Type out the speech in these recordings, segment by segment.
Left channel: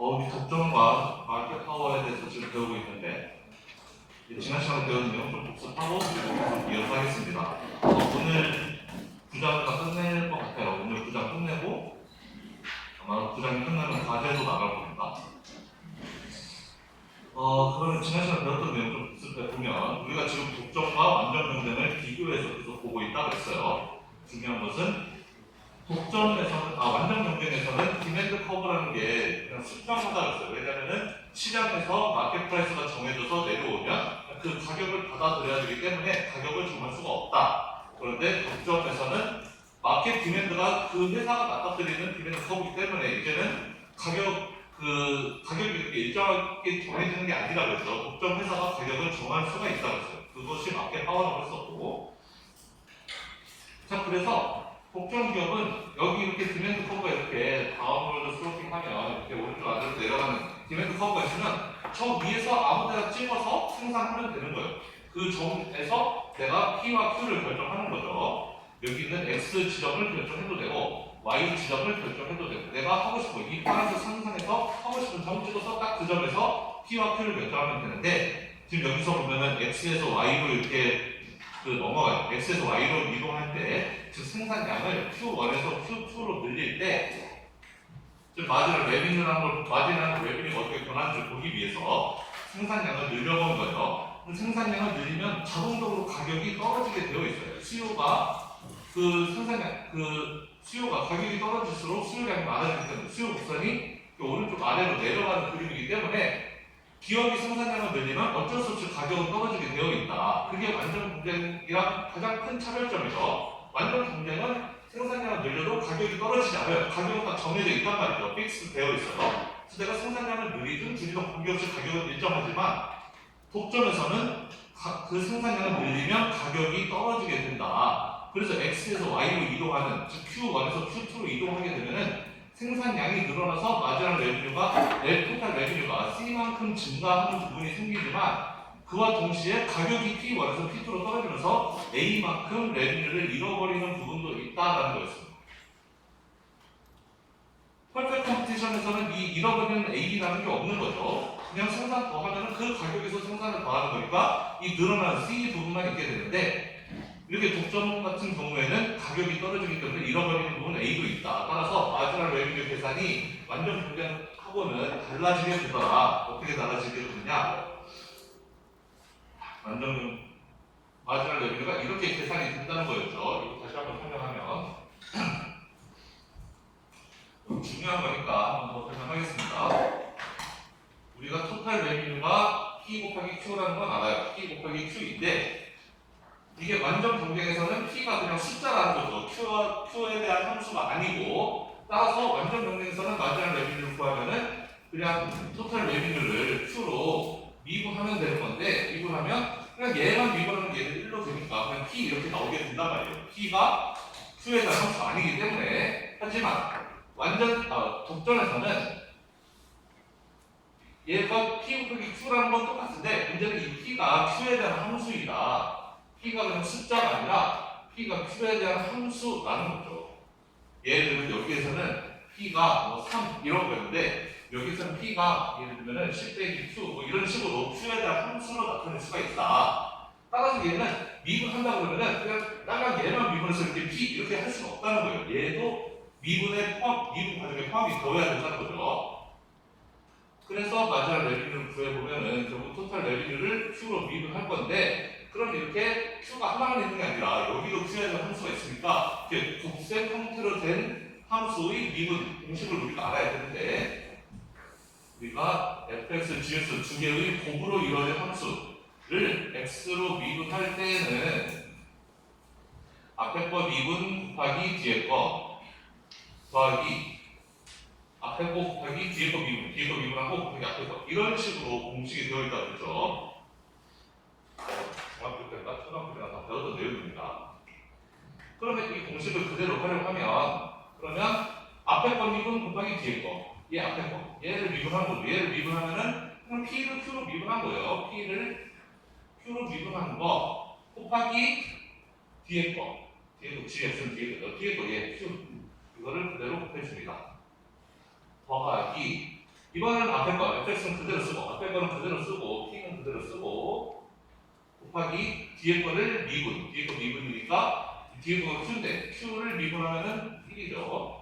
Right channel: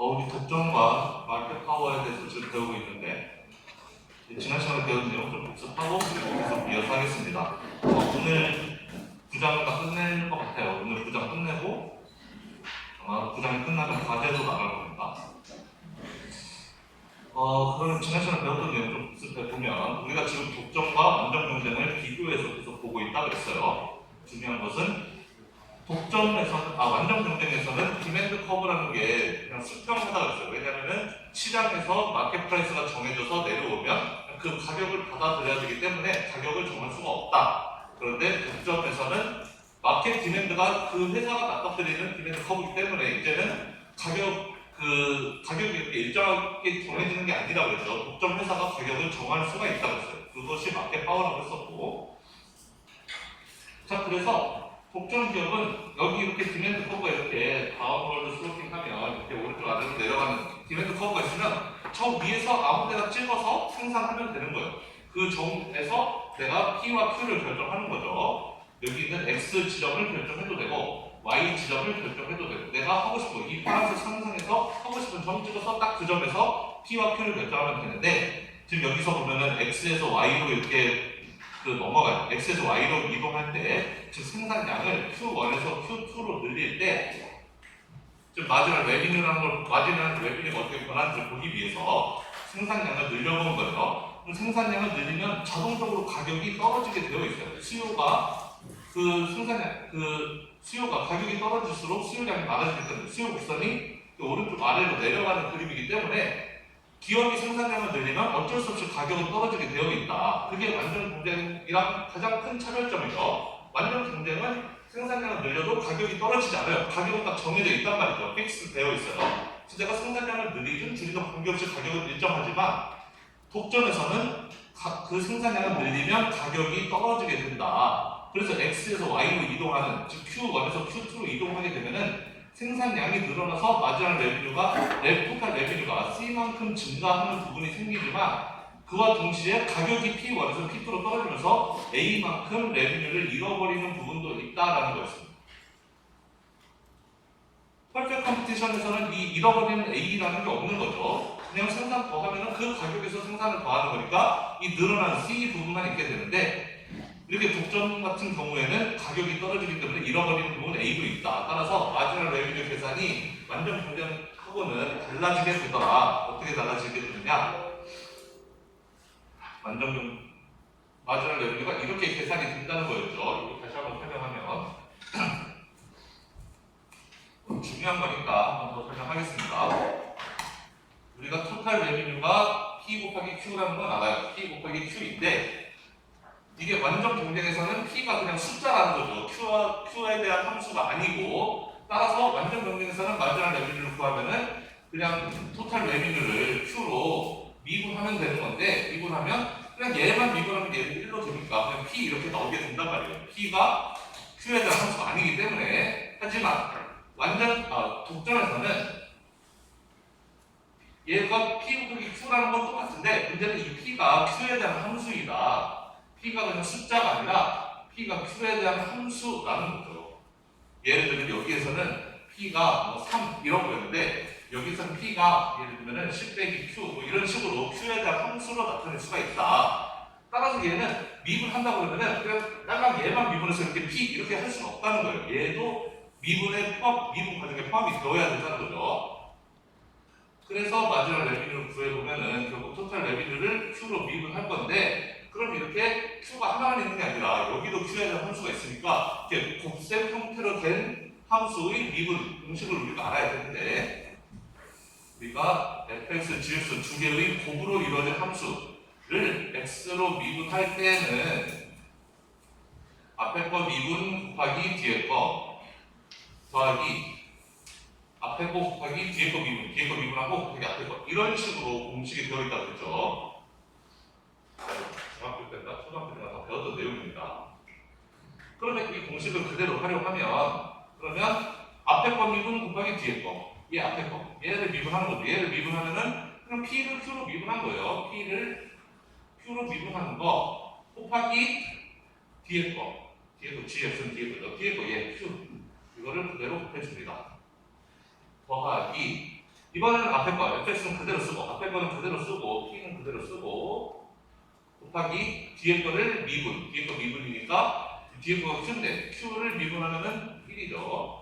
우리 독점과 마켓 파워에 대해서 지금 배우고 있는데 지난 시간에 배운 내용 좀 복습하고 계속 이어가겠습니다. 오늘 9장 다 끝낼 것 같아요. 오늘 9장 끝내고 아마 9장이 끝나면 과제도 나갈 겁니다. 그러면 지난 시간에 배웠던 내용 좀 복습해 보면 우리가 지금 독점과 완전 경쟁을 비교해서 계속 보고 있다 그랬어요. 중요한 것은 완전 경쟁에서는 디맨드 커브라는 게 그냥 수평하다 그랬어요. 왜냐하면 시장에서 마켓 프라이스가 정해져서 내려오면 그 가격을 받아들여야 되기 때문에 가격을 정할 수가 없다. 그런데 독점에서는 마켓 디맨드가 그 회사가 맞닥뜨리는 디맨드 커브이기 때문에 이제는 가격이 이렇게 일정하게 정해지는 게 아니라 그래서 독점 회사가 가격을 정할 수가 있다고 했어요. 그것이 마켓 파워라고 했었고, 자 그래서 독점 기업은 여기 이렇게 디맨드 커브가 이렇게 다운월드 슬로핑하면 이렇게 오른쪽 아래로 내려가는 디맨드 커브가 있으면 저 위에서 아무데나 찍어서 생산하면 되는 거예요. 그 점에서 내가 P와 Q를 결정하는 거죠. 여기 있는 X 지점을 결정해도 되고 Y 지점을 결정해도 되고 내가 하고 싶은 이 파란색 상상에서 하고 싶은 점 찍어서 딱 그 점에서 P와 Q를 결정하면 되는데 지금 여기서 보면은 X에서 Y로 이렇게 넘어가요. X에서 Y로 이동할 때 즉 생산량을 Q1에서 Q2로 늘릴 때 즉 마지막 레비뉴라는 걸 마지막 레비뉴가 어떻게 변하는지를 보기 위해서 생산량을 늘려놓은 거예요. 생산량을 늘리면 자동적으로 가격이 떨어지게 되어 있어요. 수요가 가격이 떨어질수록 수요량이 많아지기 때문에 수요 곡선이 오른쪽 아래로 내려가는 그림이기 때문에 기업이 생산량을 늘리면 어쩔 수 없이 가격은 떨어지게 되어 있다. 그게 완전 경쟁이랑 가장 큰 차별점이죠. 완전 경쟁은 생산량을 늘려도 가격이 떨어지지 않아요. 가격은 딱 정해져 있단 말이죠. 픽스 되어 있어요. 그래서 내가 생산량을 늘리든 줄이든 관계없이 가격은 일정하지만 독점에서는 그 생산량을 늘리면 가격이 떨어지게 된다. 그래서 X에서 Y로 이동하는, 즉 Q1에서 Q2로 이동하게 되면은 생산량이 늘어나서 마지막 토탈 레비뉴가 C만큼 증가하는 부분이 생기지만 그와 동시에 가격이 P1에서 P2로 떨어지면서 A만큼 레비뉴를 잃어버리는 부분도 있다라는 거였습니다. 퍼펙트 컴피티션에서는 이 잃어버리는 A라는 게 없는 거죠. 그냥 생산 더 하면 그 가격에서 생산을 더 하는 거니까 이 늘어난 C 부분만 있게 되는데 이렇게 독점 같은 경우에는 가격이 떨어지기 때문에 잃어버리는 부분은 A도 있다. 따라서 마지막 레비뉴 계산이 완전 경쟁하고는 달라지게 되더라. 어떻게 달라지게 되느냐? 마지막 레비뉴가 이렇게 계산이 된다는 거였죠. 이거 다시 한번 설명하면 중요한 거니까 한번 더 설명하겠습니다. 우리가 토탈 레비뉴가 P 곱하기 Q라는 건 알아요. P 곱하기 Q인데 이게 완전 경쟁에서는 P가 그냥 숫자라는 거죠. Q에 대한 함수가 아니고 따라서 완전 경쟁에서는 마지막 레비뉴를 구하면은 그냥 토탈 레비뉴를 Q로 미분하면 되는 건데 미분하면 그냥 얘만 미분하면 얘는 1로 되니까 그냥 P 이렇게 나오게 된단 말이에요. P가 Q에 대한 함수가 아니기 때문에 하지만 독점에서는 얘가 P 곱하기 Q라는 건 똑같은데 문제는 이 P가 Q에 대한 함수이다. P가 그냥 숫자가 아니라 P가 Q에 대한 함수라는 거죠. 예를 들면 여기에서는 P가 3 이런 거였는데 여기서는 P가 예를 들면 10 빼기 Q 이런 식으로 Q에 대한 함수로 나타낼 수가 있다. 따라서 얘는 미분한다고 그러면은 그냥 딸랑 얘만 미분해서 이렇게 P 이렇게 할 수가 없다는 거예요. 얘도 미분 과정에 포함이 되어야 된다는 거죠. 그래서 마지막 레비뉴를 구해보면은 결국 토탈 레비뉴를 Q로 미분할 건데 그럼 이렇게 Q가 하나만 있는 게 아니라 여기도 Q에 대한 함수가 있으니까 이렇게 곱셈 형태로 된 함수의 미분 공식을 우리가 알아야 되는데 우리가 fx, gx 두 개의 곱으로 이루어진 함수를 x로 미분할 때는 앞에 거 미분 곱하기 뒤에 거 더하기 앞에 거 곱하기 뒤에 거 미분하고 곱하기 앞에 거 이런 식으로 공식이 되어 있다고 했죠. 중학교 때나 초등학교 때나 다 배웠던 내용입니다. 그러면 이 공식을 그대로 활용하면 그러면 앞에 거 미분 곱하기 뒤에 거 얘 앞에 거 얘를 미분한 거죠. 얘를 미분하면은 그럼 P를 Q로 미분한 거예요. P를 Q로 미분하는 거 곱하기 뒤에 거 뒤에 거 GX는 뒤에 거죠. 뒤에 거 얘 Q 이거를 그대로 곱해줍니다. 더하기 이번에는 앞에 거 fx는 그대로 쓰고 앞에 거는 그대로 쓰고 t는 그대로 쓰고 곱하기 뒤에 거를 미분, 뒤에 거 미분이니까 뒤에 거가 q인데 q를 미분하면은 1이죠.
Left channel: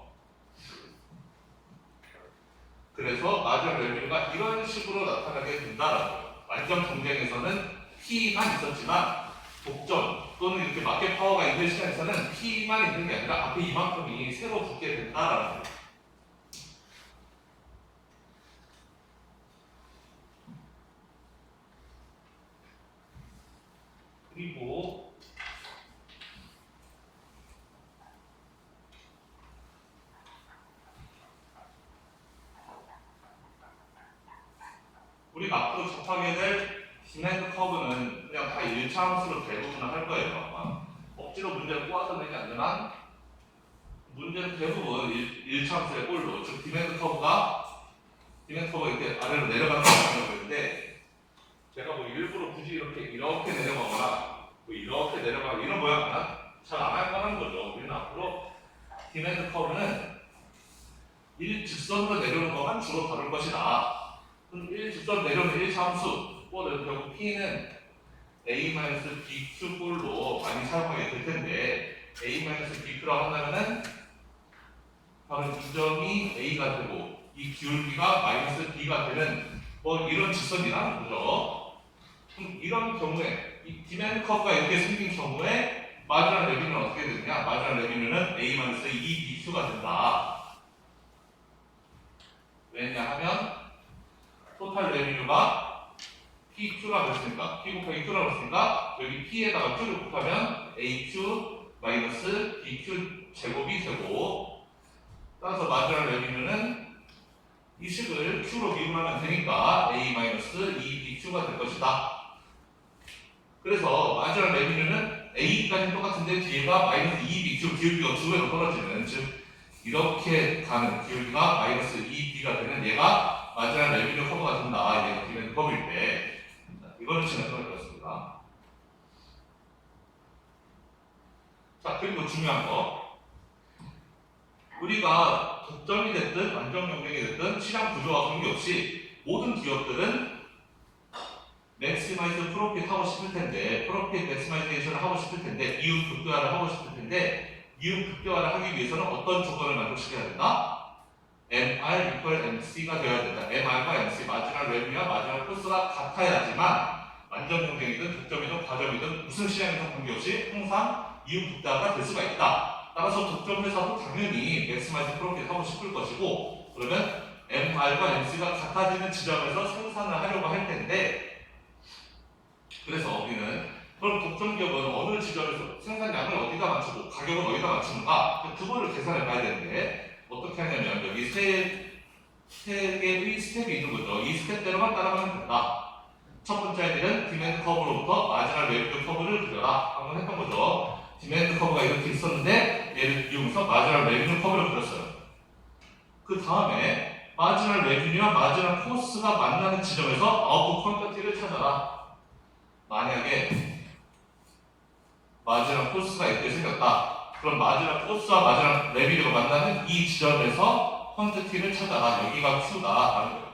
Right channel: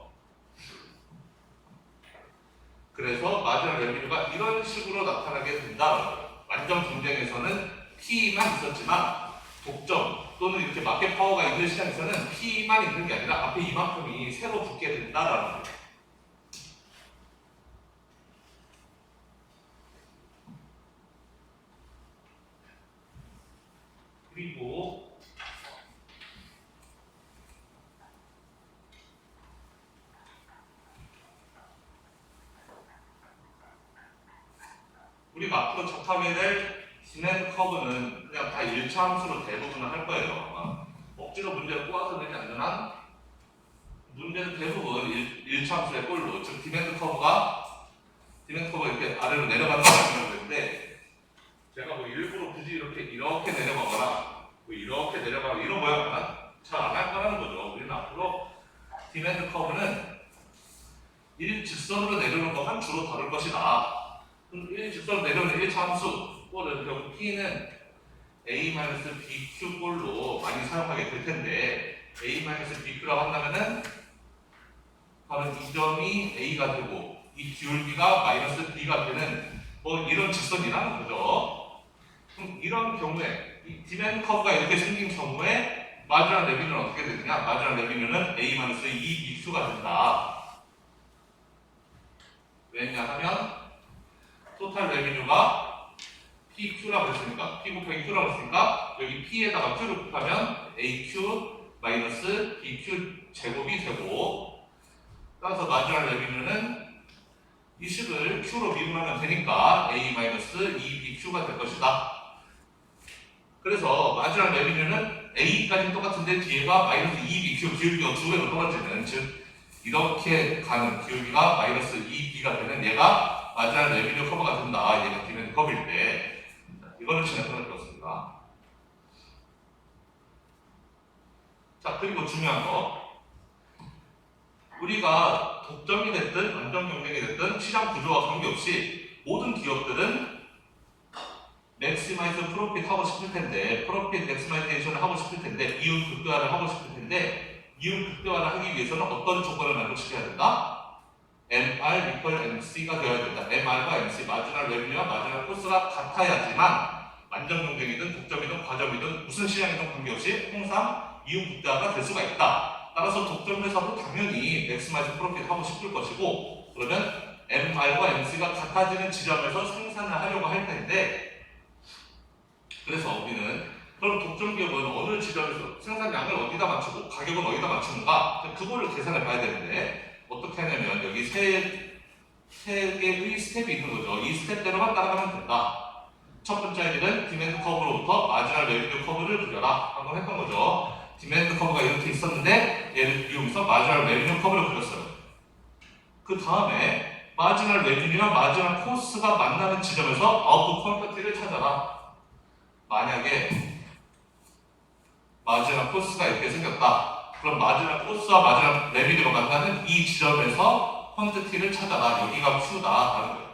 그래서 마지막 레비뉴가 이런 식으로 나타나게 된다라고. 완전 경쟁에서는 P만 있었지만 독점 또는 이렇게 마켓 파워가 있는 시장에서는 P만 있는 게 아니라 앞에 이만큼이 새로 붙게 된다라는 거예요. 그리고 우리가 앞으로 접하게 될 디맨드 커브는 그냥 다 일차함수로 대부분을 할 거예요. 아마 억지로 문제를 꼬아서 내지 않는 한 문제는 대부분 일차함수의 꼴로, 즉 디맨드 커브가 이렇게 아래로 내려가는 거라고 했는데 제가 뭐 일부러 굳이 이렇게 내려가거나 뭐 이렇게 내려가거나 이런 모양은 잘 안 할 거라는 거죠. 우리는 앞으로 디맨드 커브는 일직선으로 내려오는 것만 주로 다룰 것이다. 일직선으로 내려오는 1차 함수 꼴은 결국 P는 A-BQ 꼴로 많이 사용하게 될 텐데 A-BQ라고 한다면은 바로 이 점이 A가 되고 이 기울기가 마이너스 B가 되는 뭐 이런 직선이라는 거죠. 그럼 이런 경우에 이 디맨드 커브가 이렇게 생긴 경우에 마지막 레비뉴는 어떻게 되느냐? 마지막 레비뉴는 A-2BQ가 된다. 왜냐하면 토탈 레비뉴가 PQ라고 했으니까 P 곱하기 Q라고 했으니까 여기 P에다가 Q를 곱하면 AQ 마이너스 BQ 제곱이 되고 따라서 마지막 레비뉴는 이 식을 Q로 미분하면 되니까 A-2BQ가 될 것이다. 그래서 마지막 레비뉴는 A까지 똑같은데 뒤에가 마이너스 2BQ 기울기가 2배로 떨어지는 즉 이렇게 가는 기울기가 마이너스 2B가 되는 얘가 마지막 레비뉴 커브가 된다. 얘가 디맨드 커브일 때 이거는 진행해볼 것입니다. 자 그리고 중요한 거 우리가 독점이 됐든 완전 경쟁이 됐든 시장 구조와 관계없이 모든 기업들은 맥시마이즈 프로핏 하고 싶을 텐데 프로핏 맥시마이제이션을 하고 싶을 텐데 이윤 극대화를 하고 싶을 텐데 이윤 극대화를 하기 위해서는 어떤 조건을 만족시켜야 된다? MR equal MC가 되어야 된다. MR과 MC 마지막 레비뉴와 마지막 코스가 같아야지만 완전 경쟁이든 독점이든 과점이든 무슨 시장이든 관계없이 항상 이윤 극대화가 될 수가 있다. 따라서 독점 회사도 당연히 맥시마이즈 프로핏 하고 싶을 것이고 그러면 MR과 MC가 같아지는 지점에서 생산을 하려고 할 텐데 그래서 우리는 그럼 독점 기업은 어느 지점에서 생산량을 어디다 맞추고 가격은 어디다 맞추는가 그거를 계산해 봐야 되는데 어떻게 하냐면 여기 세 개의 스텝이 있는 거죠. 이 스텝대로만 따라가면 된다. 첫 번째 할 일은 디맨드 커브로부터 마지막 레비뉴 커브를 그려라. 한번 했던 거죠. 디맨드 커브가 이렇게 있었는데 얘를 이용해서 마지막 레비뉴 커브를 그렸어요. 그 다음에 마지막 레비뉴와 마지막 코스가 만나는 지점에서 아웃풋 퀀터티를 찾아라. 만약에 마지막 코스가 이렇게 생겼다. 그럼 마지막 코스와 마지막 레비뉴가 만나는 이 지점에서 퀀티티를 찾아라. 여기가 Q다. 라는 거예요.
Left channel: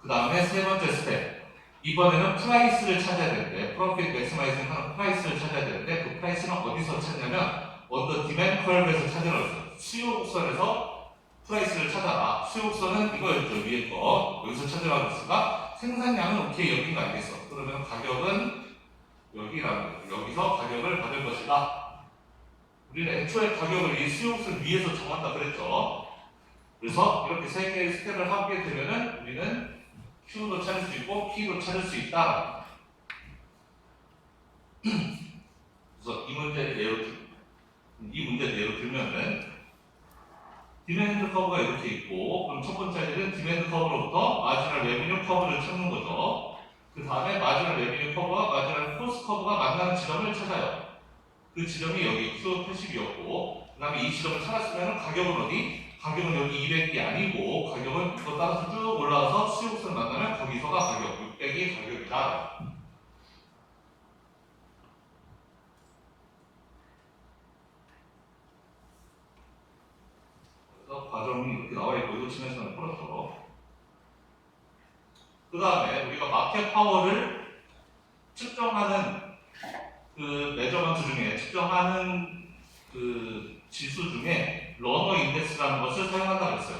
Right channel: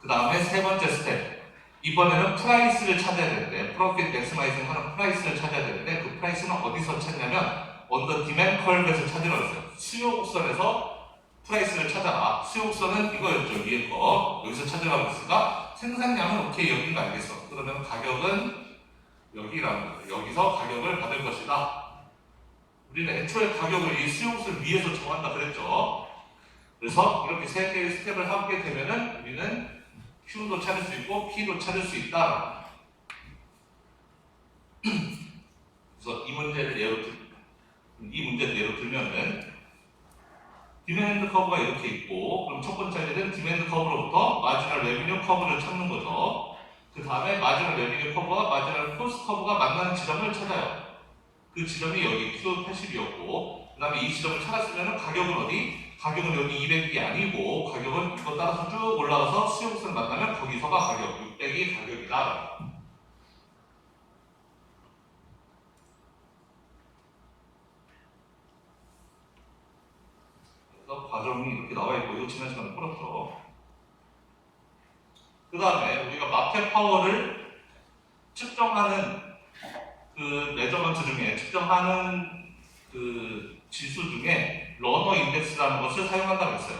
그 다음에 세 번째 스텝. 이번에는 프라이스를 찾아야 되는데 프로핏 맥시마이징 하는 프라이스를 찾아야 되는데 그 프라이스는 어디서 찾냐면 언더 디맨드 커브에서 찾으라고 했어요. 수요 곡선에서 프라이스를 찾아라. 수요 곡선은 이거였죠. 위에 거. 여기서 찾으라고 했으니까 생산량은 오케이 여기가 알겠어. 그러면 가격은 여기라는 거예요. 여기서 가격을 받을 것이다. 우리는 애초에 가격을 이 수요 곡선 위에서 정한다 그랬죠. 그래서 이렇게 세 개의 스텝을 하게 되면은 우리는 Q도 찾을 수 있고 P도 찾을 수 있다. 그래서 이 문제를 예로 들면은 디맨드 커브가 이렇게 있고 그럼 첫 번째 일은 디맨드 커브로부터 마지막 레비뉴 커브를 찾는 거죠. 그 다음에 마지막 레비뉴 커브와 마지막 코스트 커브가 만나는 지점을 찾아요. 그 지점이 여기 Q80이었고 그 다음에 이 지점을 찾았으면 가격은 어디? 가격은 여기 200이 아니고 가격은 이거 따라서 쭉 올라가서 수요국선을 만나면 거기서가 가격 600이 가격이다. 그래서 과정이 이렇게 나와 있고 이거 지난 시간에 풀었죠. 그 다음에 우리가 마켓 파워를 측정하는 그 메저먼트 중에 측정하는 그 지수 중에 러너 인덱스라는 것을 사용한다고 했어요.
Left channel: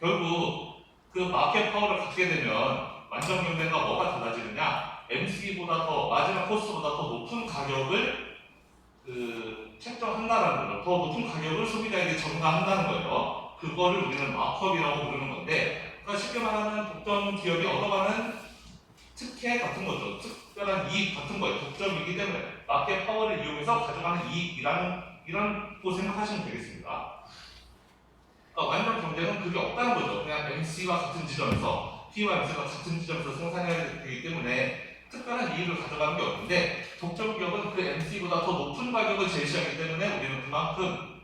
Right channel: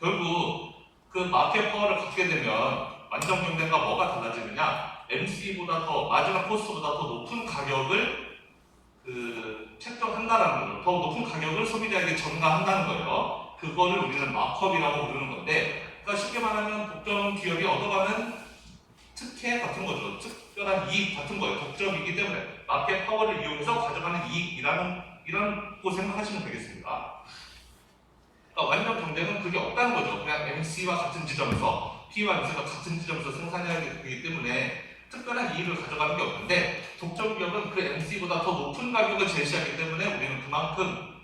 결국 그 마켓 파워를 갖게 되면 완전 경쟁과 뭐가 달라지느냐? MC보다 더 마지막 코스트보다 더 높은 가격을 책정한다라는 거죠. 더 높은 가격을 소비자에게 전가한다는 거예요. 그거를 우리는 마크업이라고 부르는 건데, 그러니까 쉽게 말하면 독점 기업이 얻어가는 특혜 같은 거죠. 특별한 이익 같은 거예요. 독점이기 때문에 마켓 파워를 이용해서 가져가는 이런 거 생각하시면 되겠습니다. 그러니까 완전 경쟁은 그게 없다는 거죠. 그냥 MC와 같은 지점에서 P와 MC가 같은 지점에서 생산해야 되기 때문에 특별한 이익을 가져가는 게 없는데, 독점 기업은 그 MC보다 더 높은 가격을 제시하기 때문에 우리는 그만큼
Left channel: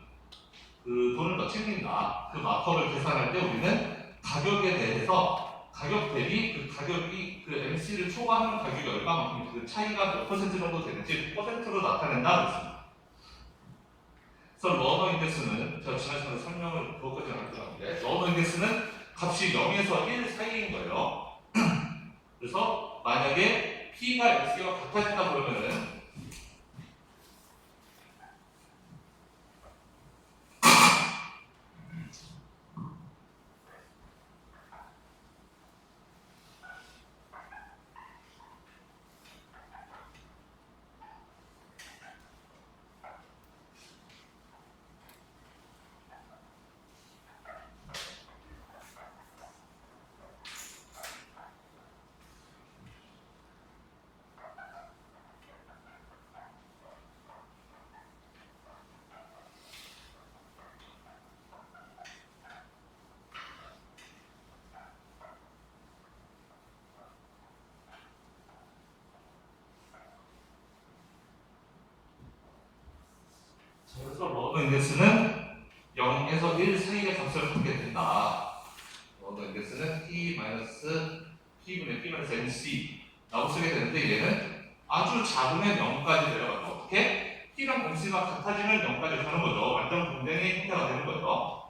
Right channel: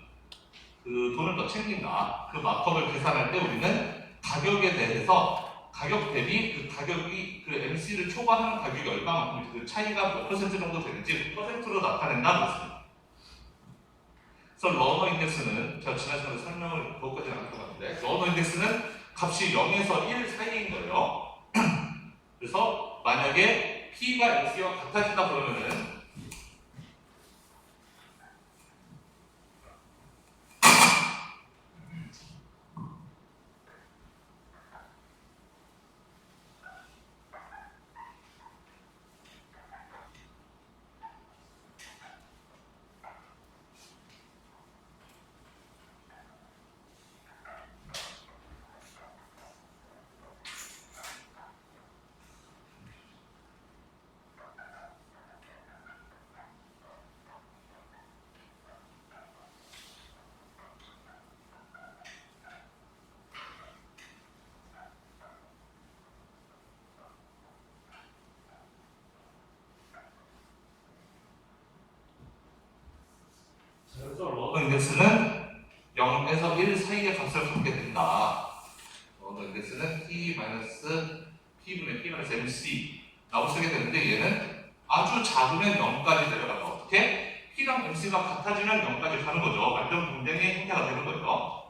그 돈을 더 챙긴다. 그 마크업을 계산할 때 우리는 가격에 대해서 가격 대비 그 가격이 그 MC를 초과하는 가격이 얼마만큼 그 차이가 몇 퍼센트 정도 되는지 퍼센트로 나타낸다고 했습니다. 그래서 러너 인덱스는 제가 지난 시간에 설명을 그것까지는 안 했었는데, 러너 인덱스는 값이 0에서 1 사이인 거예요. 그래서 만약에 P가 MC와 같아진다 그러면은 그래서 러너 인덱스는 0에서 1 사이의 값을 갖게 된다. 러너 인덱스는 T-P분의 P-MC 라고 쓰게 되는데, 얘는 아주 작으면 0까지 내려가서 어떻게? P랑 MC가 같아지면 0까지 가는 거죠. 완전 경쟁의 형태가 되는 거예요.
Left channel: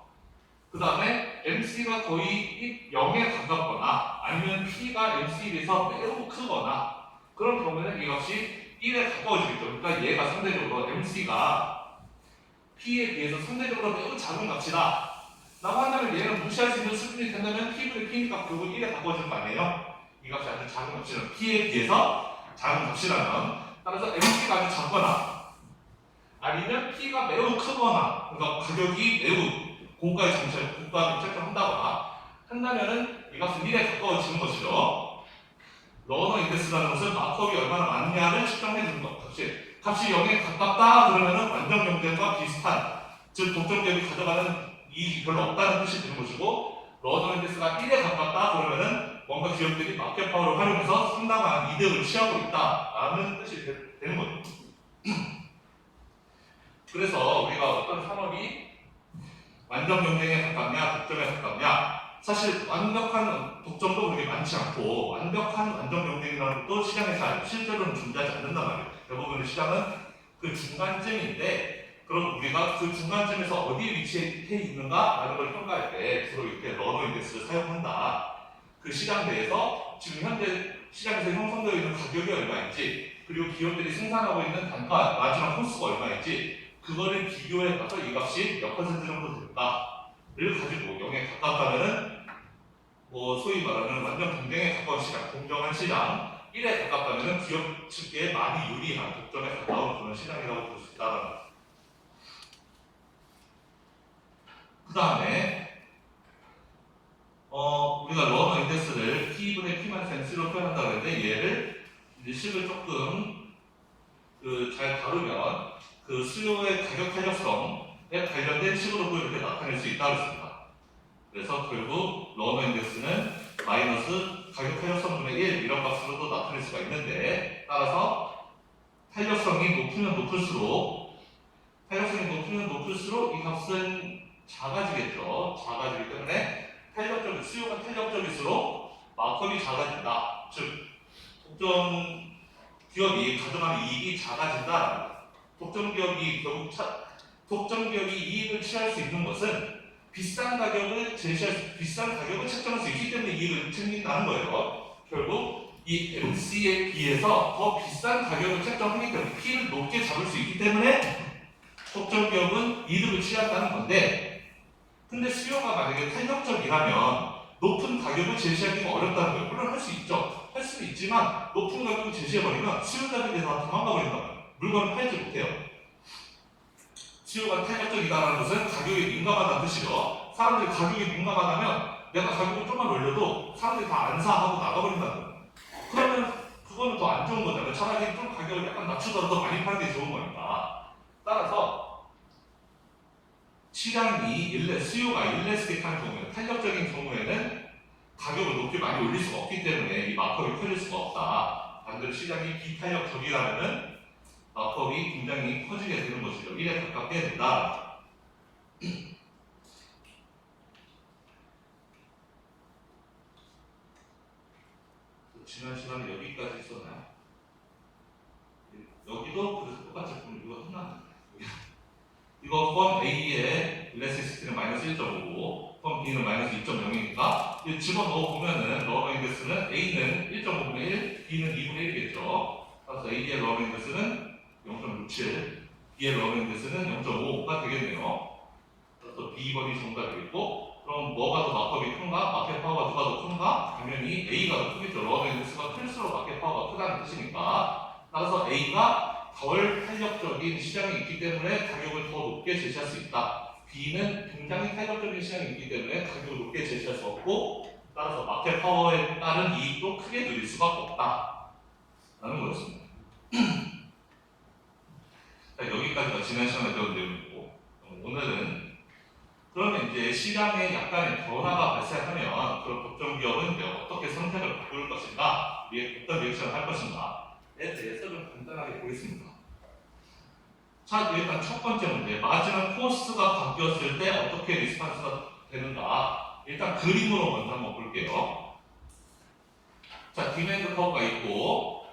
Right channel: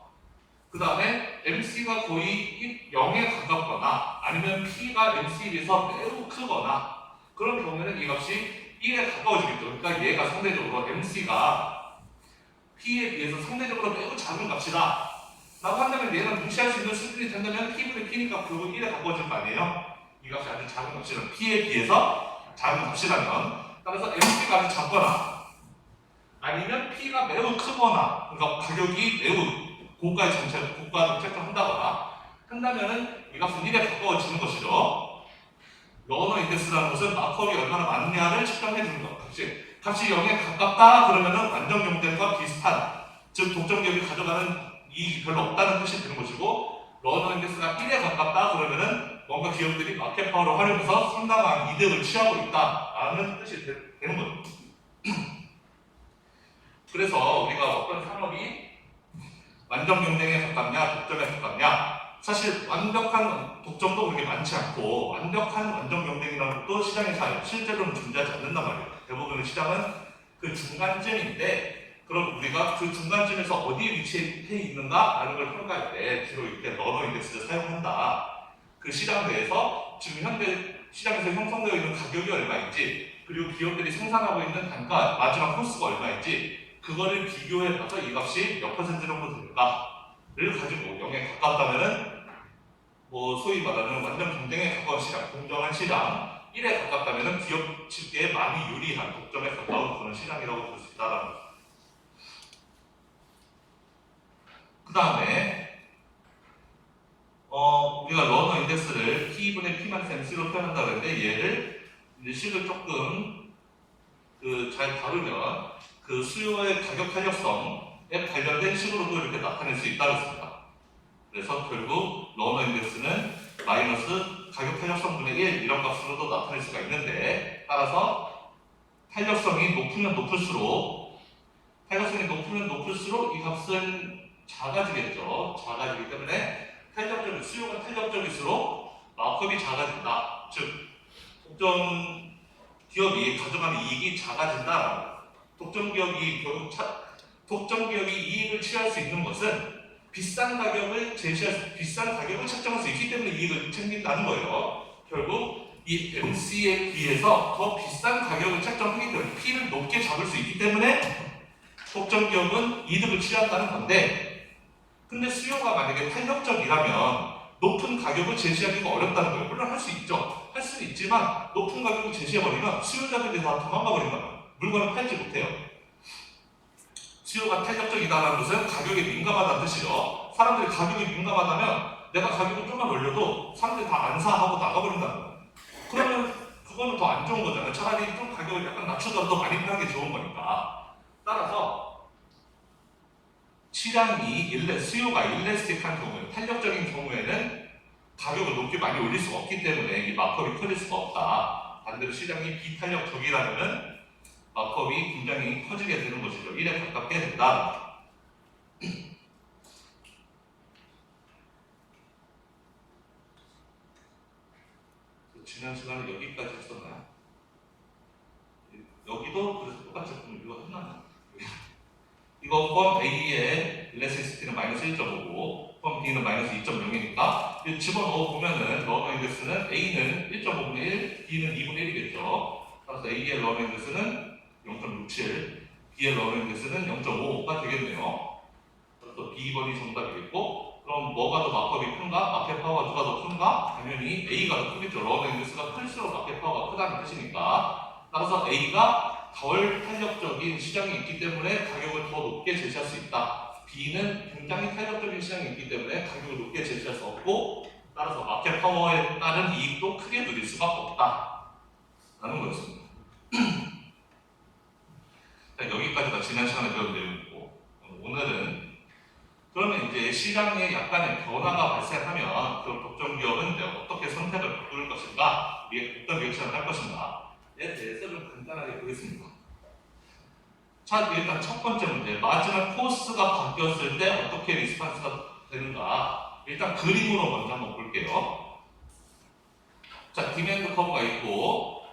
그 다음에 MC가 거의 0에 가깝거나 아니면 P가 MC에 비해서 매우 크거나 그런 경우에는 이 값이 1에 가까워지겠죠. 그러니까 얘가 상대적으로 MC가 P에 비해서 상대적으로 매우 작은 값이다 라고 한다면 얘는 무시할 수 있는 수준이 된다면 P분의 P니까 결국 1에 가까워지는 거 아니에요? 이 값이 아주 작은 값이라면 P에 비해서 작은 값이라면, 따라서 MC가 아주 작거나 아니면 P가 매우 크거나, 그러니까 가격이 매우 고가의 고가를 책정한다거나 한다면은 이 값은 1에 가까워지는 것이죠. 러너 인덱스라는 것은 마크업이 얼마나 많냐를 측정해 주는 것. 값이 0에 가깝다 그러면은 완전 경쟁과 비슷한, 즉 독점 기업이 가져가는 이익이 별로 없다는 뜻이 되는 것이고, 러너 인덱스가 1에 가깝다 그러면은 뭔가 기업들이 마켓 파워를 활용해서 상당한 이득을 취하고 있다라는 뜻이 되는 거죠. 그래서 우리가 어떤 산업이 완전 경쟁에 가깝냐 독점에 가깝냐, 사실 완벽한 독점도 그렇게 많지 않고 완벽한 완전 경쟁이라는 것도 시장에 잘 실제로는 존재하지 않는단 말이에요. 대부분의 시장은 그 중간쯤인데, 그럼 우리가 그 중간쯤에서 어디에 위치해 있는가라는 걸 평가할 때 주로 이렇게 러너 인덱스를 사용한다. 그 시장 내에서 지금 현재 시장에서 형성되어 있는 가격이 얼마인지, 그리고 기업들이 생산하고 있는 단가 마지막 코스가 얼마인지 그거를 비교해봐서 이 값이 몇 퍼센트 정도 될까를 가지고 0에 가깝다면은 소위 말하는 완전 경쟁에 가까운 시장, 공정한 시장, 1에 가깝다면은 기업 측에 많이 유리한 독점에 가까운 그런 시장이라고 볼 수 있다는 거죠. 그 다음에 우리가 러너 인덱스를 P분의 P-MC로 표현한다고 했는데, 얘를 이제 식을 조금 잘 다루면 그 수요의 가격 탄력성에 관련된 식으로도 이렇게 나타낼 수 있다고 했습니다. 그래서 결국 러너 인덱스는 마이너스 가격 탄력성분의 1 이런 값으로도 나타낼 수가 있는데, 따라서 탄력성이 높으면 높을수록 이 값은 작아지겠죠. 작아지기 때문에 수요가 탄력적일수록 마크업이 작아진다. 즉 독점 기업이 가져가는 이익이 작아진다. 독점 기업이 이익을 취할 수 있는 것은 비싼 가격을 책정할 수 있기 때문에 이익을 챙긴다는 거예요. 결국 이 MC에 비해서 더 비싼 가격을 책정하기 때문에 P를 높게 잡을 수 있기 때문에 독점 기업은 이득을 취한다는 건데, 근데 수요가 만약에 탄력적이라면 높은 가격을 제시하기가 어렵다는 거예요. 물론 할 수 있죠. 할 수는 있지만 높은 가격을 제시해버리면 수요자들이 다 도망가 버린다면 물건을 팔지 못해요. 수요가 탄력적이다는 것은 가격에 민감하다는 뜻이죠. 사람들이 가격에 민감하다면 내가 가격을 좀만 올려도 사람들이 다 안 사하고 나가버린다는 거예요. 그러면 그거는 더 안 좋은 거잖아요. 차라리 좀 가격을 약간 낮추더라도 많이 파는 게 좋은 거니까. 따라서 시장이 수요가 일레스틱한 경우에, 탄력적인 경우에는 가격을 높게 많이 올릴 수가 없기 때문에 이 마크업이 커질 수가 없다. 반대로 시장이 비탄력적이라면 마크업이 굉장히 커지게 되는 것이죠. 1에 가깝게 된다. 지난 시간에 여기까지 했었나요? 여기도 그래서 똑같이 이거 했나? 이거 펌 A의 일레스티시티는 마이너스 1.5고 펌 B는 마이너스 2.0이니까 집어넣어 보면은 러너 인덱스는 A는 1.5분의 1, B는 2분의 1이겠죠. 따라서 A의 러너 인덱스는 0.67, B의 러너 인덱스는 0.5가 되겠네요. 그래서 B번이 정답이겠고, 그럼 뭐가 더 마크업이 큰가? 마켓 파워가 누가 더 큰가? 당연히 A가 더 크겠죠. 러너 인덱스가 클수록 마켓 파워가 크다는 뜻이니까. 따라서 A가 덜 탄력적인 시장이 있기 때문에 가격을 더 높게 제시할 수 있다. B는 굉장히 탄력적인 시장이 있기 때문에 가격을 높게 제시할 수 없고, 따라서 마켓 파워에 따른 이익도 크게 누릴 수가 없다 라는 거였습니다. 여기까지가 지난 시간에 배운 내용이고, 오늘은 그러면 이제 시장에 약간의 변화가 발생하면 그런 독점 기업은 이제 어떻게 선택을 바꿀 것인가, 어떤 리액션을 할 것인가에 대해서 좀 간단하게 보겠습니다. 자, 일단 첫 번째 문제, 마지막 코스가 바뀌었을 때 어떻게 리스판스가 되는가. 일단 그림으로 먼저 한번 볼게요. 자, 디맨드 커브가 있고,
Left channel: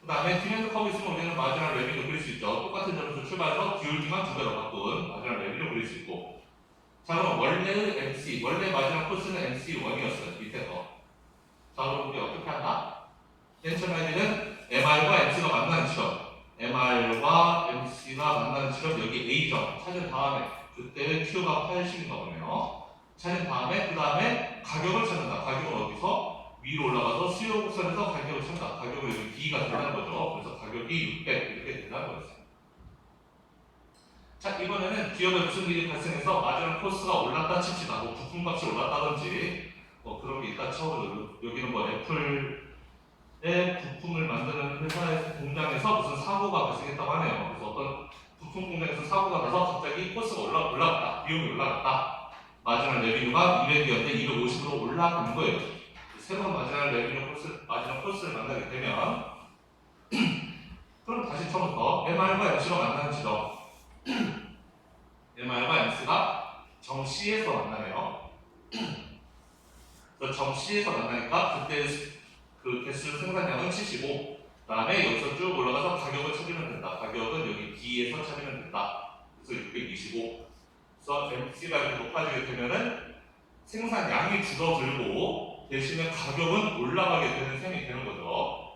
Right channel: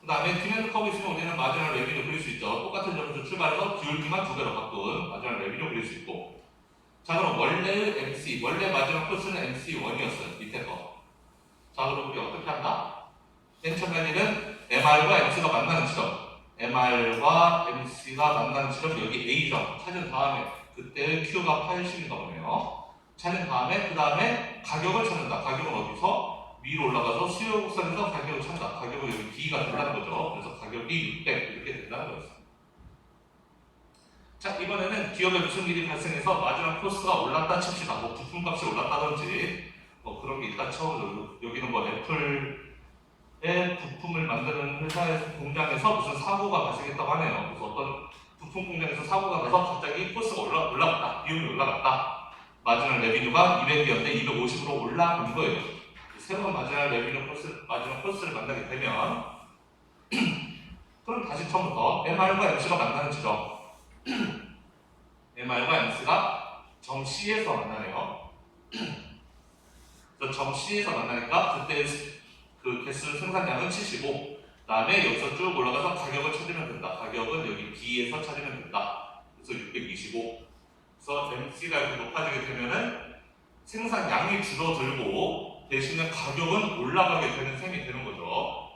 그 다음에 디맨드 커브 있으면 우리는 마지막 레비뉴 그릴 수 있죠. 똑같은 점수 출발해서 기울기만 두 배로 바꾼 마지막 레비뉴 그릴 수 있고. 자, 그럼 원래의 MC, 원래 마지막 코스는 MC1이었어요. 밑에 거. 자, 그럼 우리 어떻게 한다? 맨 처음에는 MR과 MC가 만나는 지점, MR과 MC가 만나는 지점, 여기 A점 찾은 다음에, 그때 Q가 80인가 보네요. 찾은 다음에, 그 다음에 가격을 찾는다. 가격은 어디서? 위로 올라가서 수요 곡선에서 가격을 찾는다. 가격을 여기 D가 된다는 거죠. 그래서 가격이 600 이렇게 된다는 거였어요. 자, 이번에는 기업에 무슨 일이 발생해서 마지막 코스가 올랐다 칩시다. 뭐 부품값이 올랐다든지 뭐 그런 게 있다 쳐보죠. 여기는 뭐 애플의 부품을 만드는 회사에서 공장에서 무슨 사고가 발생했다고 하네요. 그래서 어떤 부품 공장에서 사고가 나서 갑자기 코스가 올라갔다. 비용이 올라갔다. 마지막 레비뉴가 200이었는데 250으로 올라간 거예요. 새로운 마지막 레비뉴 코스, 마지막 코스를 만나게 되면 그럼 다시 처음부터 MR과 MC가 만나는 지점, MR과 MC가 정 C에서 만나요. 그래서 정 C에서 만나니까 그때 그 개수 생산량은 75. 다음에 여기서 쭉 올라가서 가격을 찾으면 된다. 가격은 여기 B에서 찾으면 된다. 그래서 625. 그래서 MC가 이렇게 높아지게 되면은 생산량이 줄어들고 대신에 가격은 올라가게 되는 셈이 되는 거죠.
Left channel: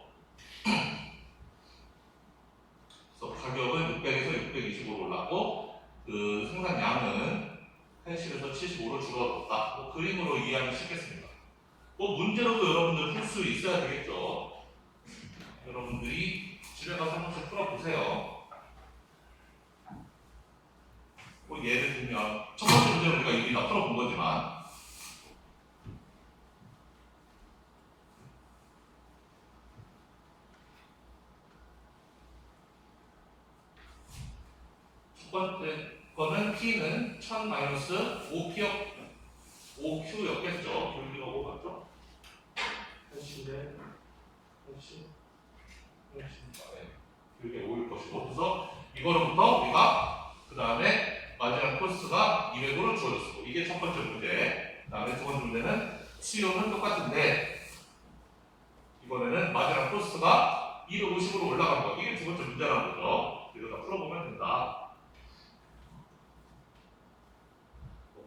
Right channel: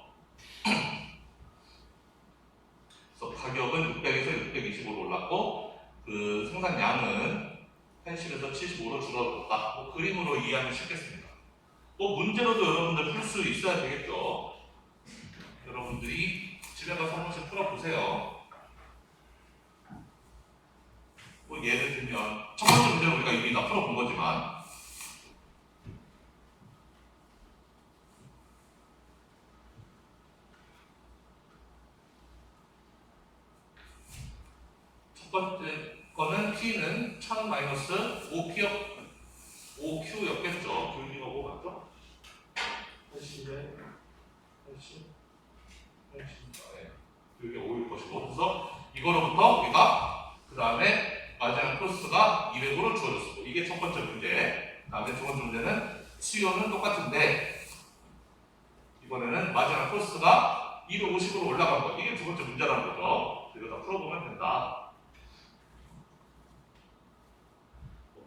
그래서 가격은 600에서 625로 올랐고 그 생산량은 80에서 75로 줄어들었다. 뭐 그림으로 이해하면 쉽겠습니다. 뭐 문제로도 여러분들 풀 수 있어야 되겠죠. 여러분들이 집에 가서 한 번씩 풀어보세요. 뭐 예를 들면 첫 번째 문제는 우리가 이미 다 풀어본 거지만 첫 번째 거는 P는 1000 마이너스 5Q였겠죠. 교육비가 5 맞죠? 80에 80 교육비 5일 것이고 그래서 이거로부터 우리가 그 다음에 마지막 코스가 200으로 주어졌고 이게 첫 번째 문제. 그 다음에 두 번째 문제는 수요는 똑같은데 이번에는 마지막 코스가 250으로 올라간 거. 이게 두 번째 문제라는 거죠. 이거 다 풀어보면 된다.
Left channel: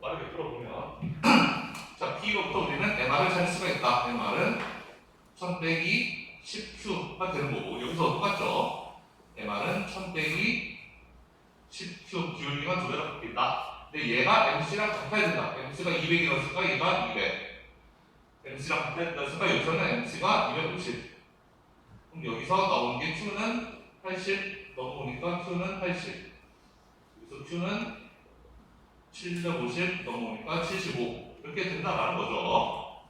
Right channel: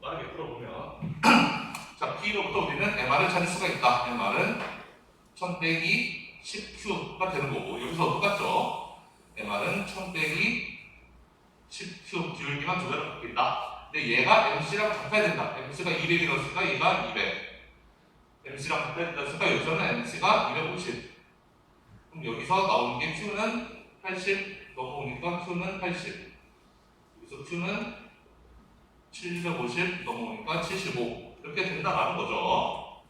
빠르게 풀어보면 자, P로부터 우리는 MR을 찾을 수가 있다. MR은 1000 빼기 10Q가 되는 거고 여기서 똑같죠. MR은 1000 빼기 10Q 기울기만 두 배로 바뀐다. 근데 얘가 MC랑 같아야 된다. MC가 200이었으니까 얘가 200. MC랑 같아야 된다니까 여기서는 MC가 250. 그럼 여기서 나오는 게 Q는 80 넘어오니까 Q는 80. 여기서 Q는 750 넘어오니까 75. 이렇게 된다라는 거죠.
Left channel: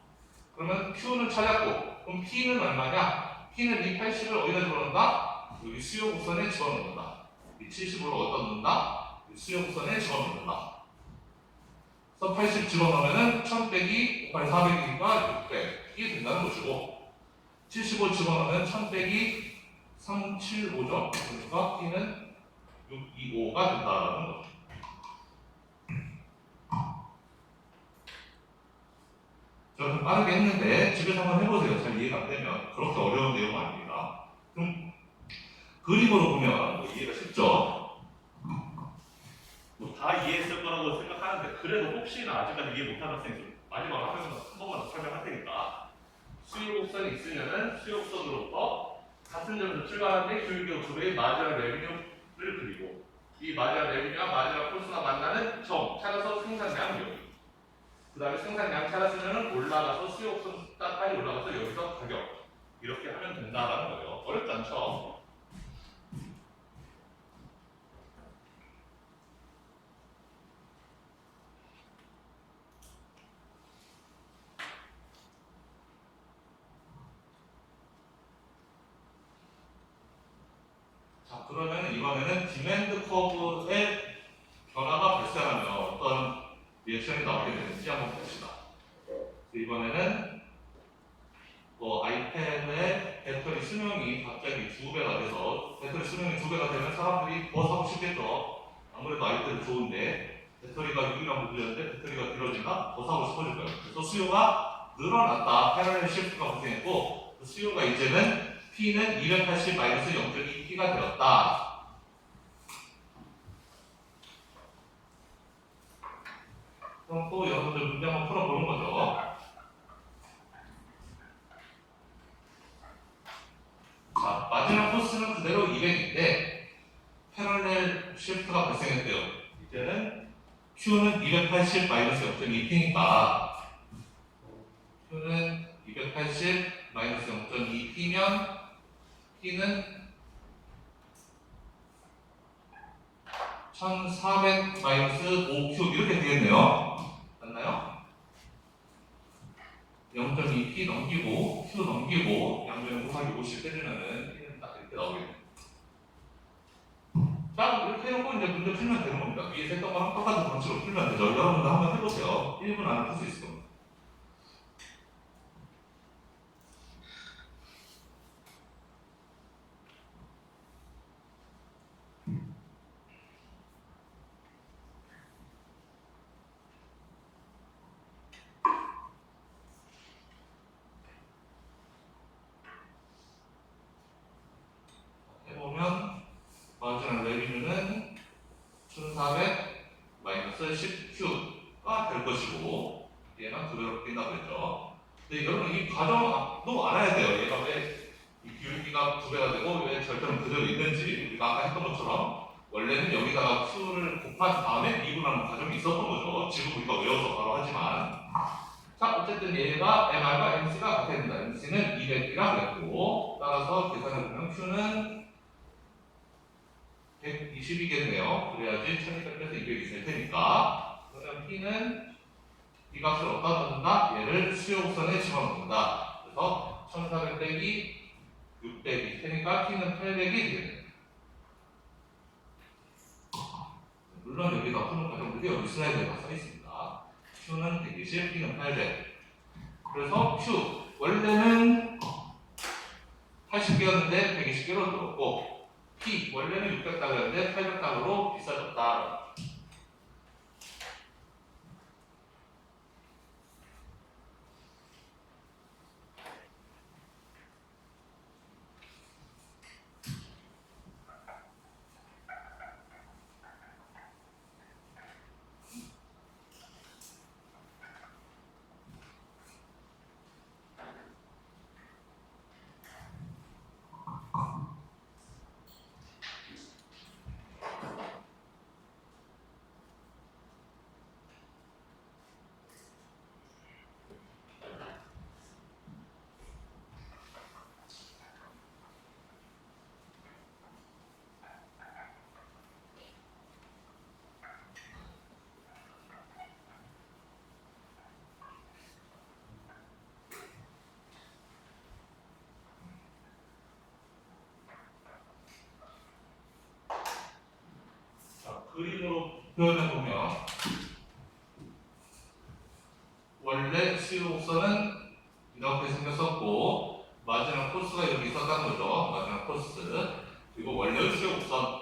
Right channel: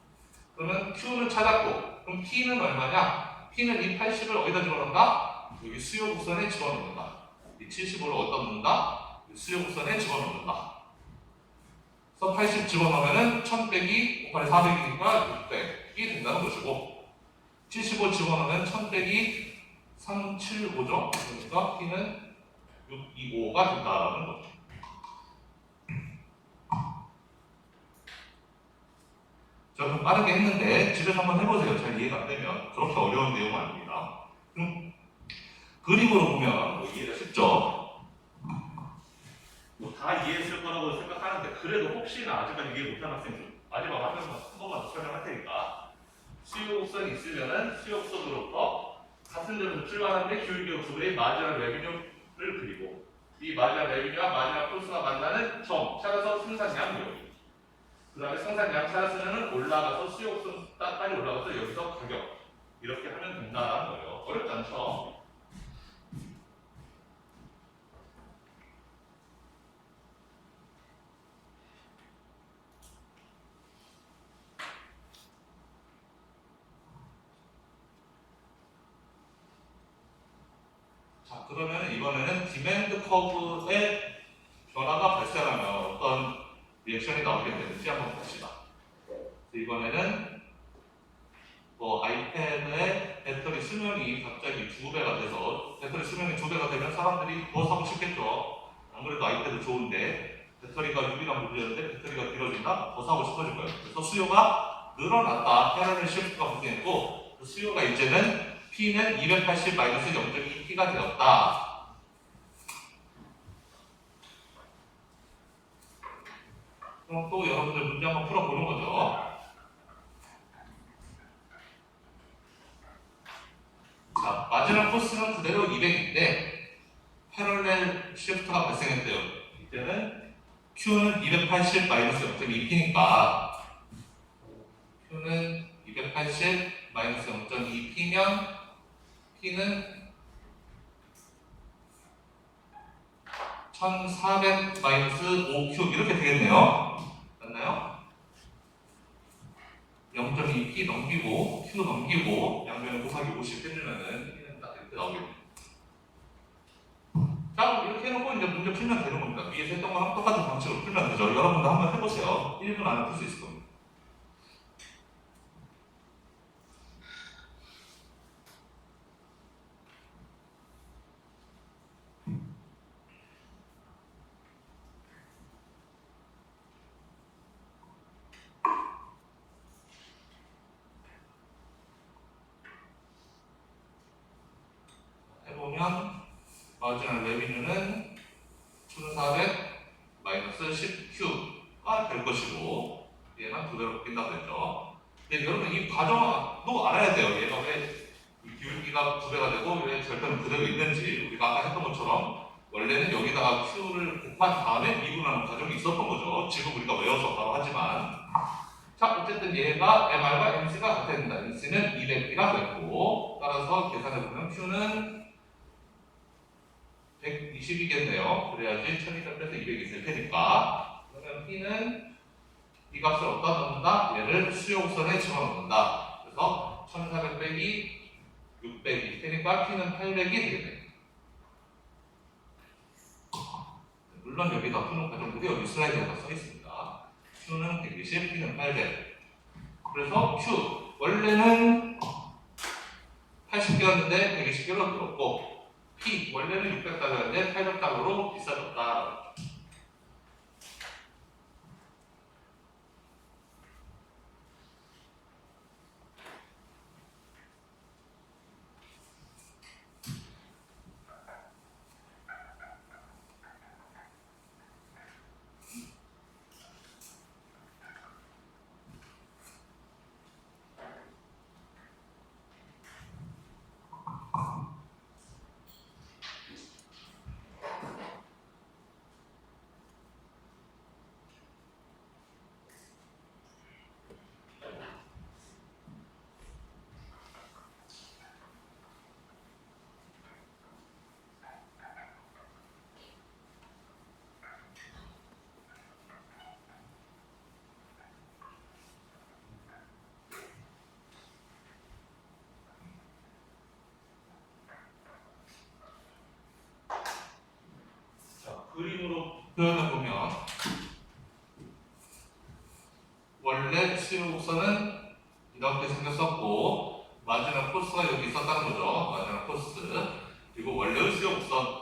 그러면 Q는 찾았고, 그럼 P는 얼마냐? P는 이 80을 어디다 집어넣는다? 여기 수요 곡선에 집어넣는다. 이 75를 어디다 넣는다? 수요 곡선에 집어넣는다. 그래서 80 집어넣으면은 1000 빼기 5 8 400이니까 600이 된다는 것이고 75 집어넣으면 1000 빼기 375죠. 그러니까 P는 625가 된다는 거죠. 자, 그럼 빠르게 했는데 집에서 한번 해보세요. 잘 이해가 안 되면 그렇게 어려운 내용은 아닙니다. 그럼 그림으로 보면 뭐 이해가 쉽죠? 뭐 다 이해했을 거라고 생각하는데 그래도 혹시나 아직까지 이해 못한 학생이 있으면 마지막 한 번만 더 설명할 테니까 수요 곡선이 있으면은 수요 곡선으로부터 같은 점에서 출발하는데 기울기가 2배인 마지막 레비뉴를 그리고 이 마지막 레비뉴와 마지막 콜수가 만나는 점 찾아서 생산량 여기 그 다음에 생산량 찾았으면 올라가서 수요 곡선까지 올라가서 여기서 가격 이렇게 하면 된다라는 거예요. 어렵지 않죠? 자, 그러면 이번에는 디맨드 커브의 변화가 발생하면 어떤 리액션이 나오게 되는지 한번 봅시다. 이번에는 뭐 아이템의 배터리 수명이 갑자기 2배가 돼서 배터리 수명이 2배가 되면 사람들이 더 사고 싶겠죠. 아무래도 아이템은 좋은데 배터리가 6이나 물렸는데 배터리가 길어진다? 더 사고 싶어질 거예요. 그래서 수요가 늘어났다. 패러렐 시프트가 발생했고 그 수요가 이제는 P는 280-0.2P가 되었다. 그럼 또 여러분들 문제 한번 풀어보는 거죠. 자, 마지막 코스는 그대로 200인데 패러렐 시프트가 발생했대요. 이제는 Q는 280-0.2P니까 Q는 280-0.2P면 P는 1400-5Q 이렇게 되겠네요. 맞나요? 0.2P 넘기고 Q 넘기고 양면 곱하기 50 해주면은 P는 딱 이렇게 나오겠네요. 자, 이렇게 해놓고 이제 문제 풀면 되는 겁니다. 위에서 했던 거랑 똑같은 방식으로 풀면 되죠. 여러분도 한번 해보세요. 1분 안에 풀 수 있을 겁니다. 해보면 마지막 레비뉴는 1400-10Q가 될 것이고 얘만 2배로 바뀐다고 했죠. 근데 여러분 이 과정도 알아야 돼요. 얘가 왜 기울기가 2배가 되고 왜 절편은 그대로 있는지 우리가 아까 했던 것처럼 원래는 여기다가 Q를 곱한 다음에 미분하는 과정이 있었던 거죠. 지금 우리가 외워서 바로 하지만 자, 어쨌든 얘가 MR과 MC가 같아야 된다. MC는 200이라고 했고 따라서 계산해보면 Q는 120이겠네요. 그래야지 1200 빼서 200이 될 테니까. 그러면 P는 이 값을 어디다 넣는다? 얘를 수용선에 집어넣는다. 그래서 1400 빼기 600이 테니까 P는 800이 되겠네요. 물론 여기다 푸는 과정들이 여기 슬라이드에 다 써 있습니다. Q는 120, P는 800. 그래서 Q 원래는 80개였는데 120개로 늘었고 P 원래는 600달러였는데 800달러로 비싸졌다. 표현을 보면 원래 수요 곡선은 이렇게 생겼었고 마지막 코스가 여기 있었다는 거죠. 마지막 코스. 그리고 원래 수요 곡선,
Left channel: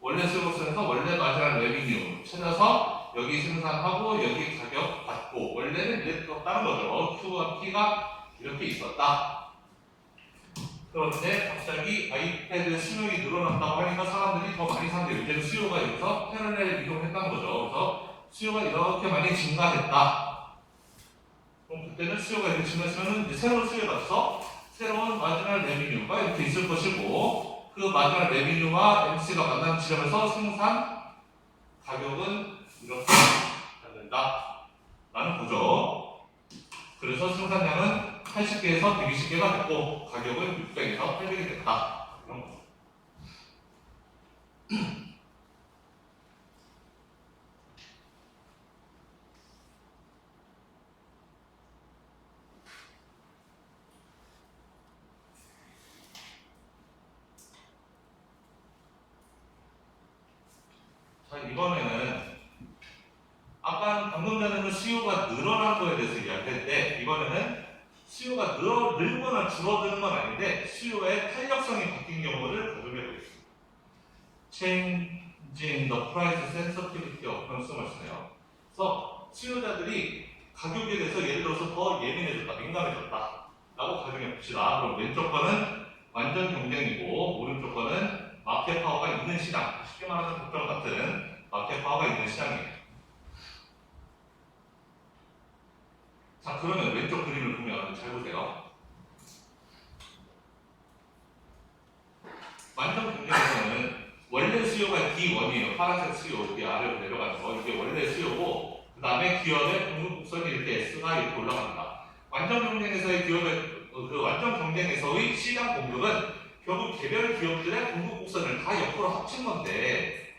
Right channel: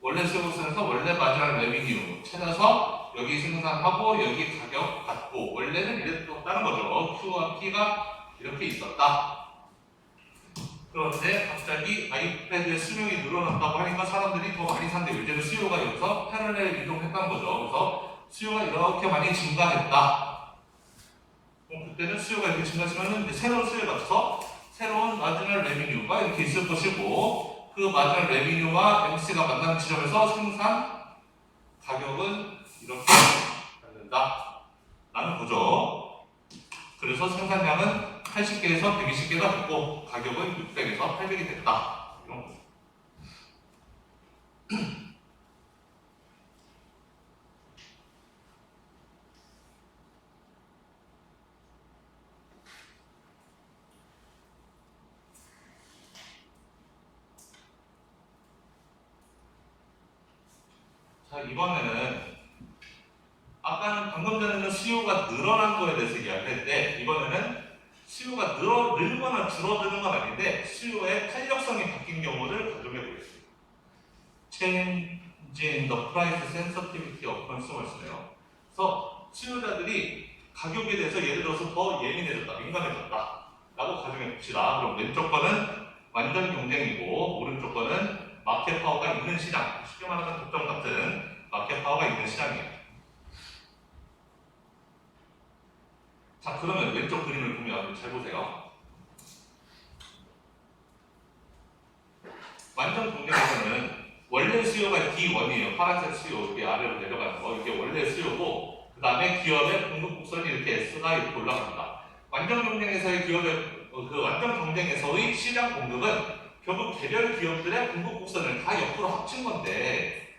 원래 수요 곡선에서 원래 마지막 레비뉴 찾아서 여기 생산하고 여기 가격 받고 원래는 이랬었다는 거죠. Q와 P가 이렇게 있었다. 그런데 갑자기 아이패드의 수명이 늘어난다고 하니까 사람들이 더 많이 산대요. 이제는 수요가 여기서 패러렐 이동했다는 거죠. 그래서 수요가 이렇게 많이 증가했다. 그럼 그때는 수요가 이렇게 증가하시면 이제 새로운 수요에 맞춰서 새로운 마지막 레비뉴가 이렇게 있을 것이고 그 마지막 레비뉴와 MC가 만나는 지점에서 생산 가격은 이렇게 받는다 라는 거죠. 그래서 생산량은 80개에서 120개가 됐고 가격은 600에서 800이 됐다. 이런 거. 자, 이번에는 아까는 방금 전에는 수요가 늘어난 거에 대해서 이야기했는데 이번에는 수요가 늘거나 줄어드는 건 아닌데 수요의 탄력성이 바뀐 경우를 가정해 보겠습니다. Change in the price sensitivity of consumers네요. 그래서 수요자들이 가격에 대해서 예를 들어서 더 예민해졌다, 민감해졌다 라고 가정해 봅시다. 그럼 왼쪽 거는 완전 경쟁이고 오른쪽 거는 마켓 파워가 있는 시장, 쉽게 말하면 독점 같은 마켓 파워가 있는 시장이에요. 자, 그러면 왼쪽 그림을 보면 잘 보세요. 완전 경쟁에서는 원래 수요가 D1이에요. 파란색 수요, 이렇게 아래로 내려가는 거. 이게 원래 수요고, 그 다음에 기업의 공급 곡선이 이렇게 S가 이렇게 올라갑니다. 완전 경쟁에서의 기업의, 그 완전 경쟁에서의 시장 공급은 결국 개별 기업들의 공급 곡선을 다 옆으로 합친 건데,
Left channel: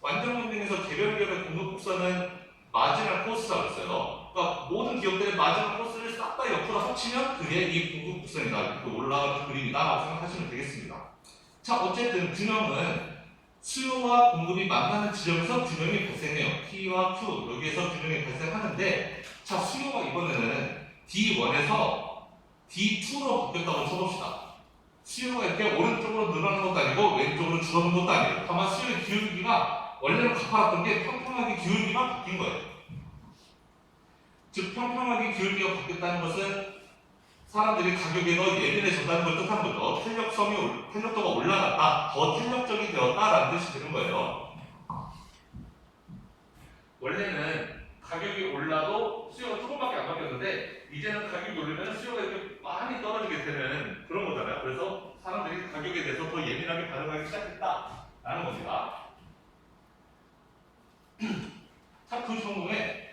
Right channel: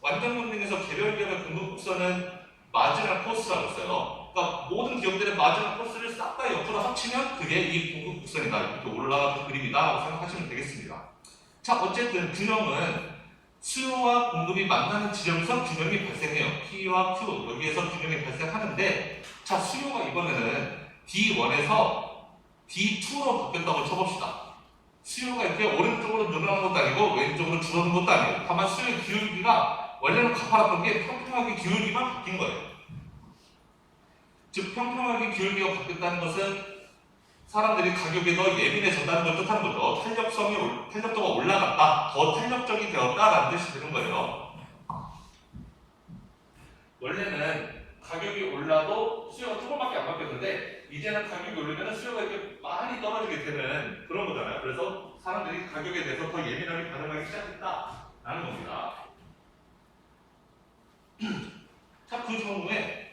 완전 경쟁에서 개별 기업의 공급 곡선은 마지널 코스라고 했어요. 그러니까 모든 기업들의 마지막 코스를 싹 다 옆으로 합치면 그게 이 공급 곡선이다. 이렇게 올라가는 그림이다. 생각하시면 되겠습니다. 자, 어쨌든 균형은 수요와 공급이 만나는 지점에서 균형이 발생해요. P와 Q 여기에서 균형이 발생하는데 자, 수요가 이번에는 D1에서 D2로 바뀌었다고 쳐봅시다. 수요가 이렇게 오른쪽으로 늘어난 것도 아니고 왼쪽으로 줄어든 것도 아니에요. 다만 수요의 기울기가 원래는 가파랐던 게 평평하게 기울기만 바뀐 거예요. 즉 평평하게 기울기가 바뀌었다는 것은 사람들이 가격이 더 예민해졌다는 걸 뜻하는 거죠. 탄력도가 올라갔다, 더 탄력적이 되었다라는 뜻이 되는 거예요. 원래는 가격이 올라도 수요가 조금밖에 안 바뀌었는데 이제는 가격이 오르면 수요가 이렇게 많이 떨어지게 되는 그런 거잖아요. 그래서 사람들이 가격에 대해서 더 예민하게 반응하기 시작했다라는 겁니다. 자, 그 경우에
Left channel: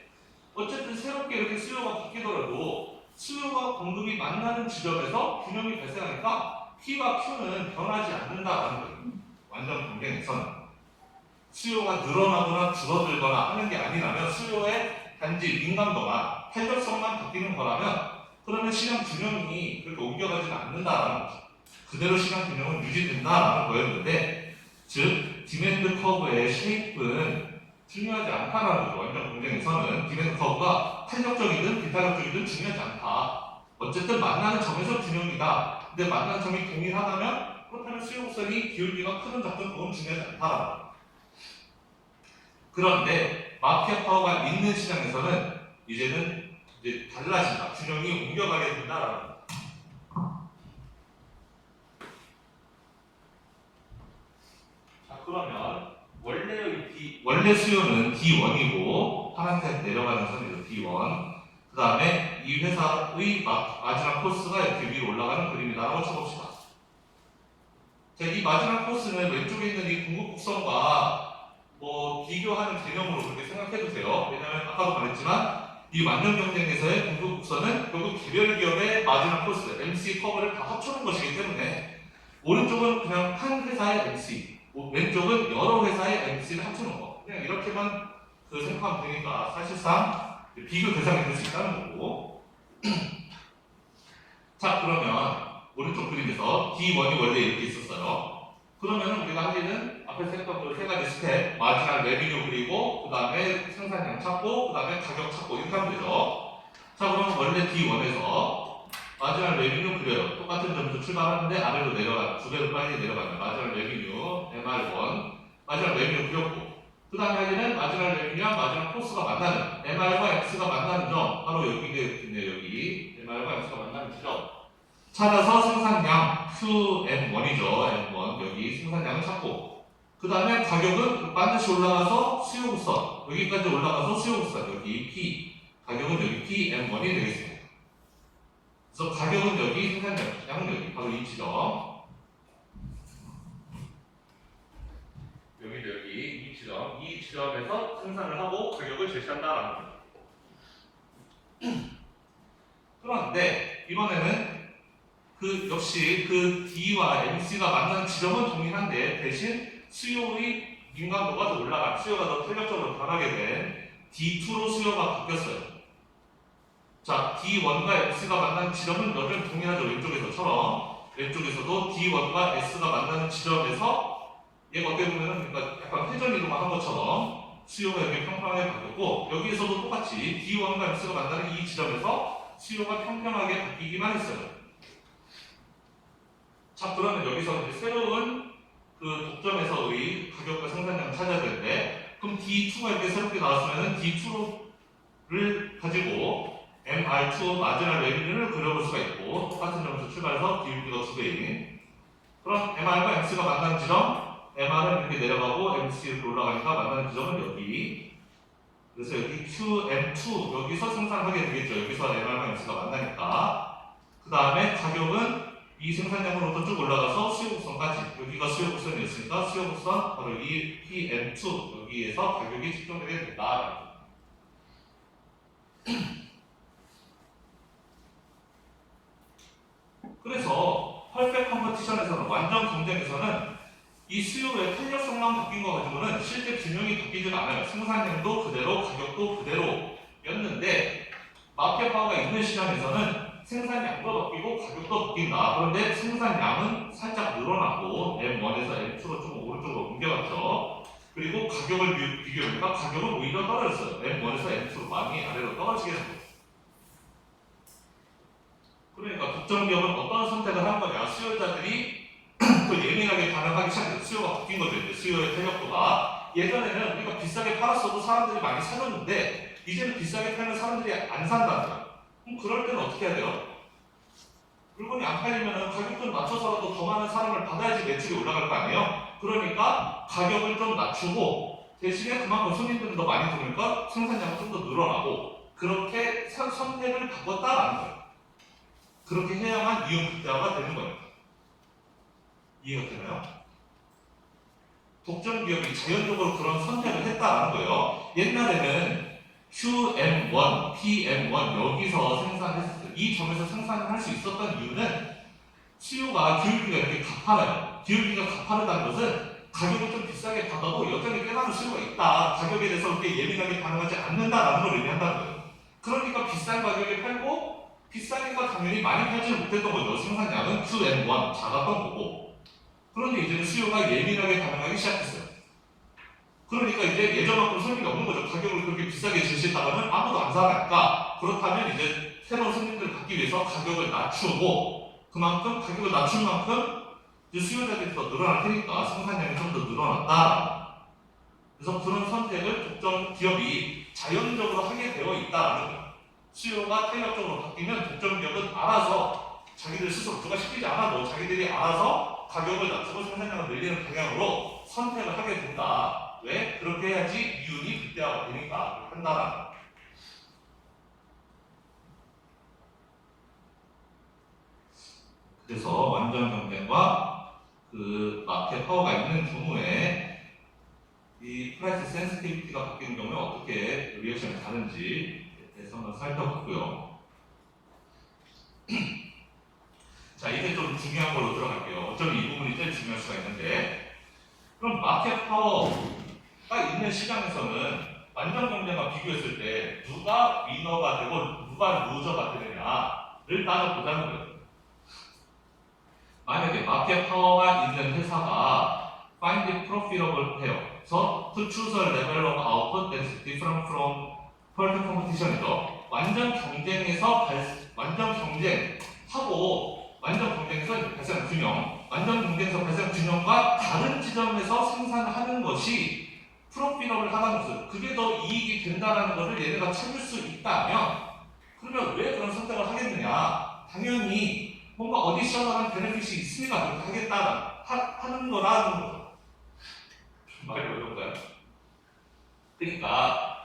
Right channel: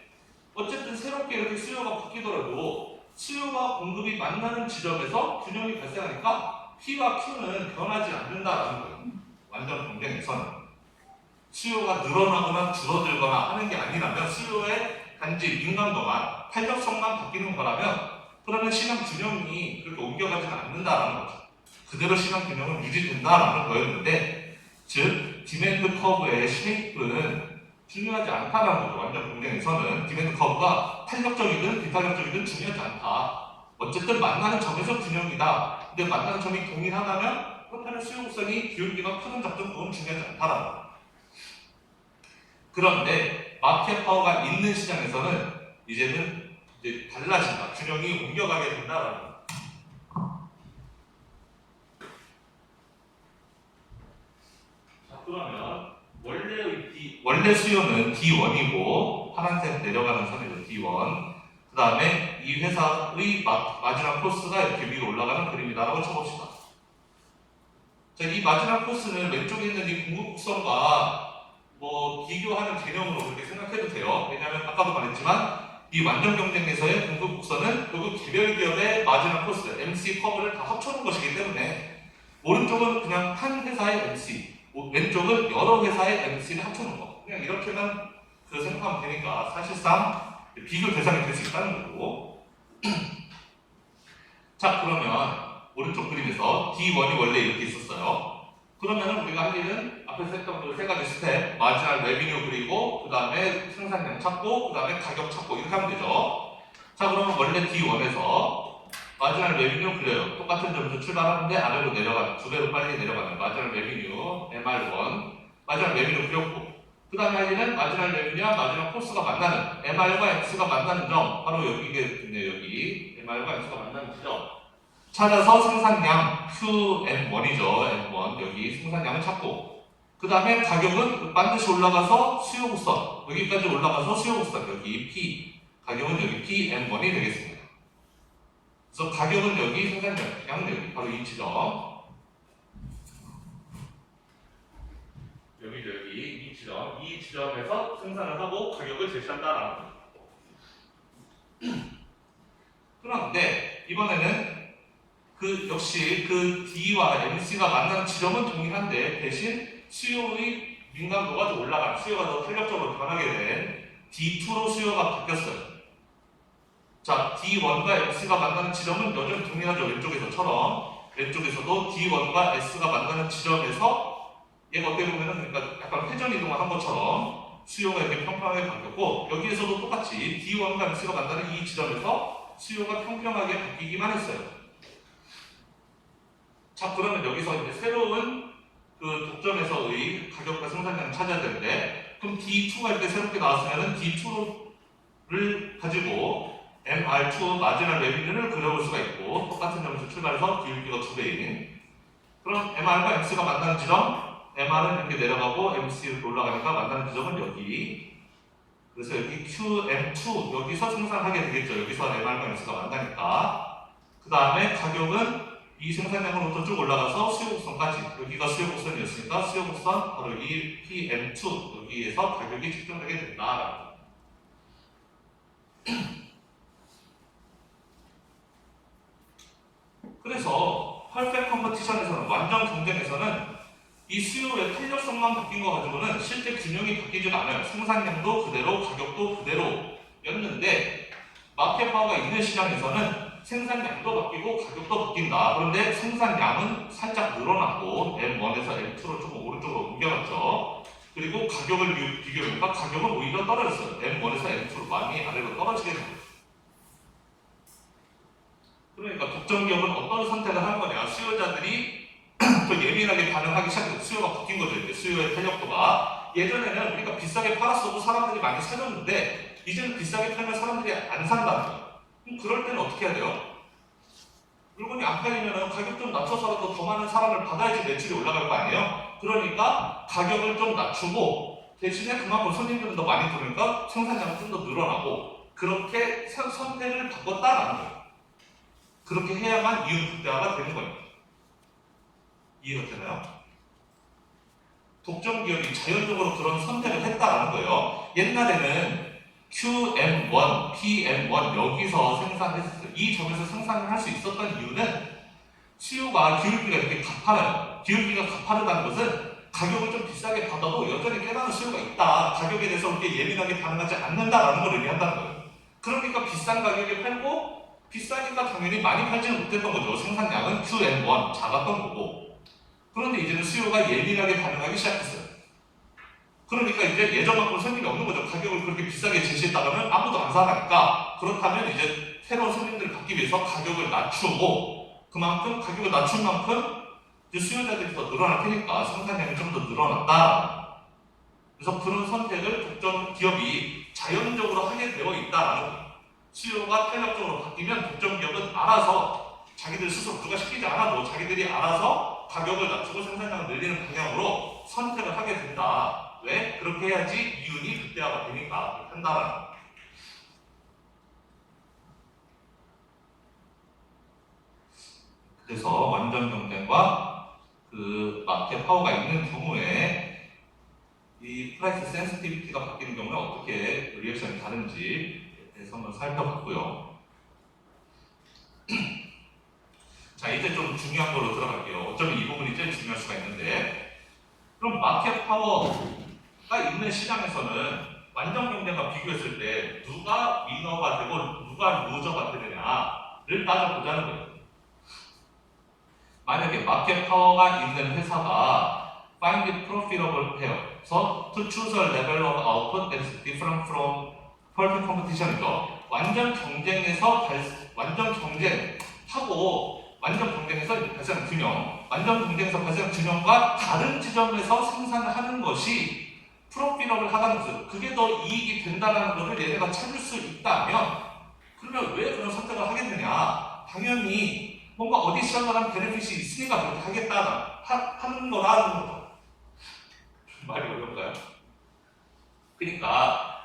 어쨌든 새롭게 이렇게 수요가 바뀌더라도 수요와 공급이 만나는 지점에서 균형이 발생하니까 P와 Q는 변하지 않는다라는 거예요. 완전 경쟁에서는 수요가 늘어나거나 줄어들거나 하는 게 아니라면 수요의 단지 민감도만 탄력성만 바뀌는 거라면 그러면 시장 균형이 그렇게 옮겨가지는 않는다라는 거죠. 그대로 시장 균형은 유지된다라는 거였는데 즉 디맨드 커브의 쉐이프는 중요하지 않다라는 거죠. 완전 경쟁에서는 디맨드 커브가 탄력적이든 비탄력적이든 중요하지 않다. 어쨌든 만나는 점에서 균형이다. 근데 만나는 점이 동일하다면 그렇다면 수요 곡선이 기울기가 크든 작든 그건 중요하지 않다라는 거죠. 그런데 마켓 파워가 있는 시장에서는 이제는 이제 달라진다. 균형이 옮겨가게 된다라는 거죠. 자, 그러면 원래 수요는 D1이고 파란색 내려가는 선이죠. D1. 그 다음에 이 회사의 마지막 코스가 이렇게 위로 올라가는 그림이다라고 쳐봅시다. 자, 이 마지막 코스는 왼쪽에 있는 이 공급 곡선과 비교하는 개념으로 그렇게 생각해도 돼요. 왜냐하면 아까도 말했지만 이 완전 경쟁에서의 공급 곡선은 결국 개별 기업의 마지막 코스, MC 커브를 다 합쳐놓은 것이기 때문에 오른쪽은 그냥 한 회사의 MC, 왼쪽은 여러 회사의 MC를 합쳐놓은 거. 그냥 이렇게만 생각하면 되니까 사실상 비교 대상이 될 수 있다는 거고. 자, 그러면 오른쪽 그림에서 D1이 원래 이렇게 있었어요. 그러면 우리가 할 일은 앞에서 했던 그 세 가지 스텝, 마지막 레비뉴 그리고 그 다음에 생산량 찾고 그 다음에 가격 찾고 이렇게 하면 되죠. 자, 그럼 원래 D1에서 마지막 레비뉴 그려요. 똑같은 점에서 출발하는데 아래로 내려가, 두 배로 빨리 내려가는 마지막 레비뉴 MR1 마지막 레비뉴 그렸고 그 다음에 할 일은 마지막 레비뉴와 마지막 코스가 만나는 MR과 X가 만나는 점 바로 여기가 있네요. 여기 MR과 X가 만나는 지점 찾아서 생산량 QM1이죠. M1 여기 생산량을 찾고 그 다음에 가격은 반드시 올라가서 수요국선 여기까지 올라가서 수요국선 여기 P 가격은 여기 PM1이 되겠습니다. 그래서 가격은 여기 생산량은 여기 바로 이 지점 여기 이 지점에서 생산을 하고 가격을 제시한다라는 거죠. 그런데 이번에는 그 역시 그 D와 MC가 만나는 지점은 동일한데 대신 수요의 민감도가 더 올라간 수요가 더 탄력적으로 변하게 된 D2로 수요가 바뀌었어요. 자, D1과 X가 만나는 지점은 여전히 동일하죠. 왼쪽에서처럼 왼쪽에서도 D1과 S가 만나는 지점에서 얘가 어떻게 보면은 그러니까 약간 회전 이동을 한 것처럼 수요가 이렇게 평평하게 바뀌었고 여기에서도 똑같이 D1과 X가 만나는 이 지점에서 수요가 평평하게 바뀌기만 했어요. 자, 그러면 여기서 이제 새로운 그 독점에서의 가격과 생산량을 찾아야 되는데 그럼 D2가 이렇게 새롭게 나왔으면은 D2를 가지고 MR2 마지막 레비뉴를 그려볼 수가 있고 똑같은 점에서 출발해서 기울기가 2배인 그럼 MR과 X가 만나는 지점 MR은 이렇게 내려가고 MC로 올라가니까 만나는 지점은 여기 그래서 여기 QM2 여기서 생산하게 되겠죠. 여기서 MR과 X가 만나니까 그 다음에 가격은 이 생산량으로부터 쭉 올라가서 수요곡선까지 여기가 수요곡선이었으니까 수요곡선 바로 이 PM2 여기에서 가격이 측정되게 된다. 그래서 퍼펙트 컴퍼티션에서는 완전 경쟁에서는 이 수요의 탄력성만 바뀐 거 가지고는 실제 균형이 바뀌지는 않아요. 생산량도 그대로 가격도 그대로였는데 마켓 파워가 있는 시장에서는 생산량도 바뀌고 가격도 바뀐다. 그런데 생산량은 살짝 늘어났고 M1에서 M2로 좀 오른쪽으로 옮겨갔죠. 그리고 가격을 비교해보니까 가격은 오히려 떨어졌어요. M1에서 M2로 많이 아래로 떨어지게 된 거죠. 그러니까 독점 기업은 어떤 선택을 할 거냐. 수요자들이 또 예민하게 반응하기 시작해서 수요가 바뀐 거죠. 이제 수요의 탄력도가 예전에는 우리가 비싸게 팔았어도 사람들이 많이 사줬는데 이제는 비싸게 팔면 사람들이 안 산다는 거예요. 그럼 그럴 때는 어떻게 해야 돼요? 물건이 안 팔리면 가격 좀 낮춰서라도 더 많은 사람을 받아야지 매출이 올라갈 거 아니에요? 그러니까 가격을 좀 낮추고 대신에 그만큼 손님들은 더 많이 들어오니까 생산량은 좀 더 늘어나고 그렇게 선택을 바꿨다라는 거예요. 그렇게 해야만 이윤 극대화가 되는 거예요. 이해가 되나요? 독점 기업이 자연적으로 그런 선택을 했다라는 거예요. 옛날에는 QM1, PM1 여기서 생산했었어요. 이 점에서 생산을 할 수 있었던 이유는 수요가 기울기가 이렇게 가파라요. 기울기가 가파르다는 것은 가격을 좀 비싸게 받아도 여전히 꽤 많은 수요가 있다. 가격에 대해서 그렇게 예민하게 반응하지 않는다라는 걸 의미한다는 거예요. 그러니까 비싼 가격에 팔고 비싸니까 당연히 많이 팔지는 못했던 거죠. 생산량은 QM1 작았던 거고. 그런데 이제는 수요가 예민하게 반응하기 시작했어요. 그러니까 이제 예전만큼 손님이 없는 거죠. 가격을 그렇게 비싸게 제시했다면 아무도 안 사니까 그렇다면 이제 새로운 손님들을 받기 위해서 가격을 낮추고 그만큼 가격을 낮춘 만큼 이제 수요자들이 더 늘어날 테니까 생산량이 좀 더 늘어났다. 그래서 그런 선택을 독점 기업이 자연적으로 하게 되어 있다라는 거예요. 수요가 탄력적으로 바뀌면 독점 기업은 알아서 자기들 스스로 누가 시키지 않아도 자기들이 알아서 가격을 낮추고 생산량을 늘리는 방향으로 선택을 하게 된다. 왜? 그렇게 해야지 이윤이 극대화가 되니까 그렇게 한다라는 거예요. 그래서 완전 경쟁과 그 마켓 파워가 있는 경우에 이 프라이스 센시티비티가 바뀌는 경우에 어떻게 리액션이 다른지 대해서 한번 살펴봤고요. 자, 이제 좀 중요한 거로 들어갈게요. 어쩌면 이 부분이 제일 중요할 수가 있는데 그럼 마켓 파워가 있는 시장에서는 완전 경쟁과 비교했을 때 누가 위너가 되고 누가 루저가 되느냐를 따져보자는 거예요. 만약에 마켓 파워가 있는 회사가 find the profitable pair. So to choose a level of output that is different from perfect competition이죠. 완전 경쟁에서 완전 경쟁하고 완전 경쟁에서 발생한 균형, 완전 경쟁에서 발생한 균형과 다른 지점에서 생산하는 것이 프로피러블 하다는 것은 그게 더 이익이 된다는 것을 얘네가 찾을 수 있다면 그러면 왜 그런 선택을 하겠느냐? 당연히 뭔가 어디셔널한 베네핏이 있으니까 그렇게 하겠다 하는 거라는 거죠. 말이 어려운가요? 그러니까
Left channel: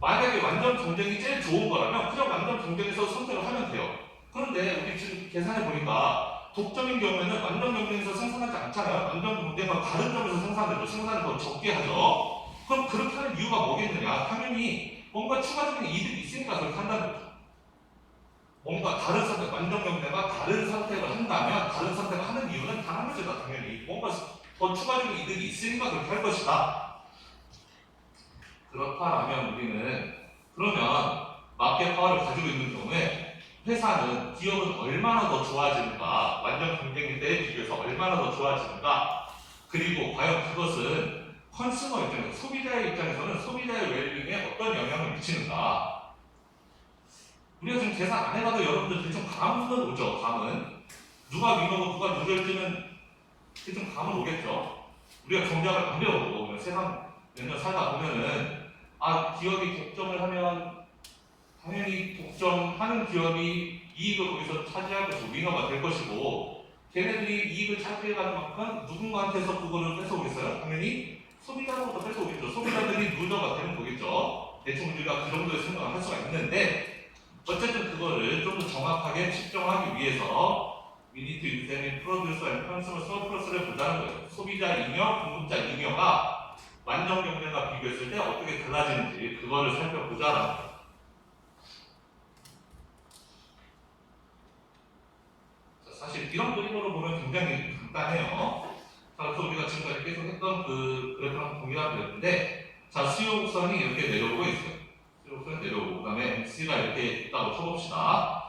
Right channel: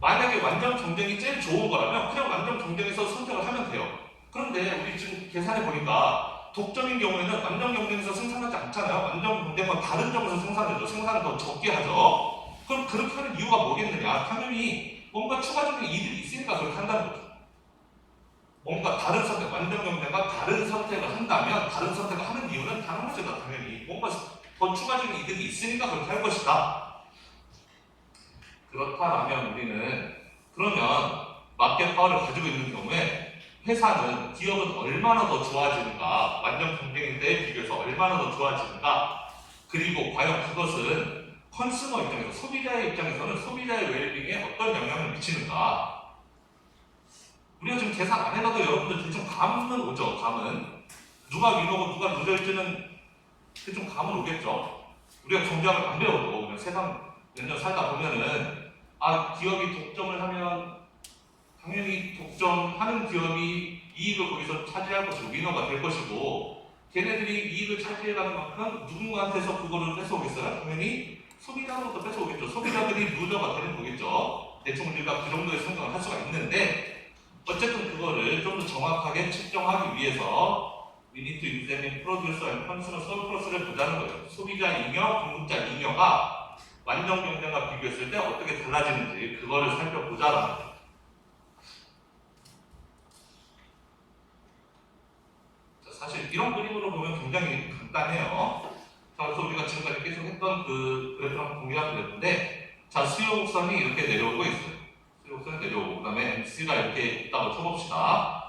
만약에 완전 경쟁이 제일 좋은 거라면 그냥 완전 경쟁에서 선택을 하면 돼요. 그런데 우리 지금 계산해 보니까 독점인 경우에는 완전 경쟁에서 생산하지 않잖아요. 완전 경쟁과 다른 점에서 생산해도 생산을 더 적게 하죠. 그럼 그렇게 하는 이유가 뭐겠느냐? 당연히 뭔가 추가적인 이득이 있으니까 그렇게 한다는 거죠. 뭔가 다른 선택, 완전 경쟁과 다른 선택을 한다면 다른 선택을 하는 이유는 다른 것이다. 당연히 뭔가 더 추가적인 이득이 있으니까 그렇게 할 것이다. 그렇다면 우리는 그러면 마켓 파워를 가지고 있는 경우에 회사는 기업은 얼마나 더 좋아지는가, 완전 경쟁일 때에 비교해서 얼마나 더 좋아지는가, 그리고 과연 그것은 컨슈머 입장에서 소비자의 입장에서는 소비자의 웰빙에 어떤 영향을 미치는가. 우리가 지금 계산 안 해봐도 여러분들 대충 감은 오죠. 감은 누가 위너고 누가 루저일지는 대충 감은 오겠죠. 우리가 경쟁을 안 배워도 그냥 세상 몇 년 살다 보면은 기업이 독점을 하면 당연히 독점하는 기업이 이익을 거기서 차지할 것이고 위너가 될 것이고 걔네들이 이익을 차지해가는 만큼 누군가한테서 그거를 뺏어오겠어요? 당연히 소비자로부터 뺏어오겠죠. 소비자들이 루저가 되는 거겠죠. 대충 우리가 그 정도의 생각을 할 수가 있는데 어쨌든 그거를 좀 더 정확하게 측정하기 위해서 we need to examine producer and consumer surplus를 보자는 거예요. 소비자 잉여, 공급자 잉여가 완전 경쟁과 비교했을 때 어떻게 달라지는지 그거를 살펴보자라는 거예요. 사실 이런 그림으로 보면 굉장히 간단해요. 자, 그래서 우리가 지금까지 계속 했던 그 그래프랑 동일한 그래프인데 자, 수요 곡선이 이렇게 내려오고 있어요. 수요 곡선이 내려오고 그 다음에 MC가 이렇게 있다고 쳐봅시다.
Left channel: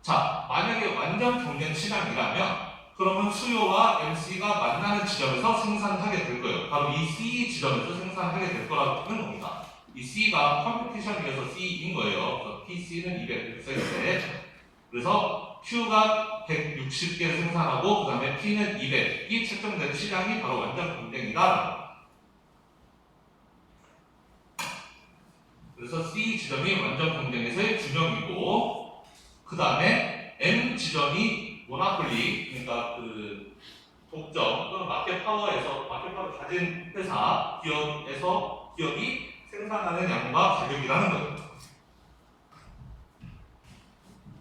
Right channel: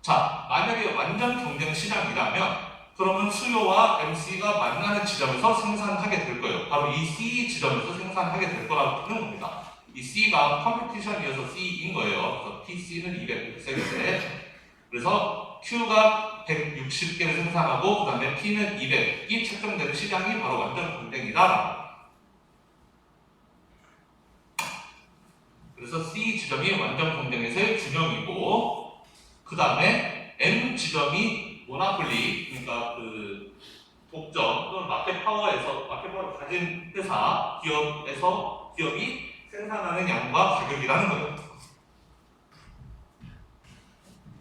자, 만약에 완전 경쟁 시장이라면 그러면 수요와 MC가 만나는 지점에서 생산하게 될 거예요. 바로 이 C 지점에서 생산하게 될 거라는 겁니다. 이 C가 컴피티션이어서 C인 거예요. 그래서 PC는 200세 그래서 Q가 160개를 생산하고 그 다음에 P는 200이 책정되는 시장이 바로 완전 경쟁이다. 그래서 C 지점이 완전 경쟁에서의 균형이고 그 다음에 M 지점이 모나폴리 그러니까 그 독점 또는 마켓 파워에서 마켓 파워를 가진 회사 기업이 생산하는 양과 가격이라는 거예요.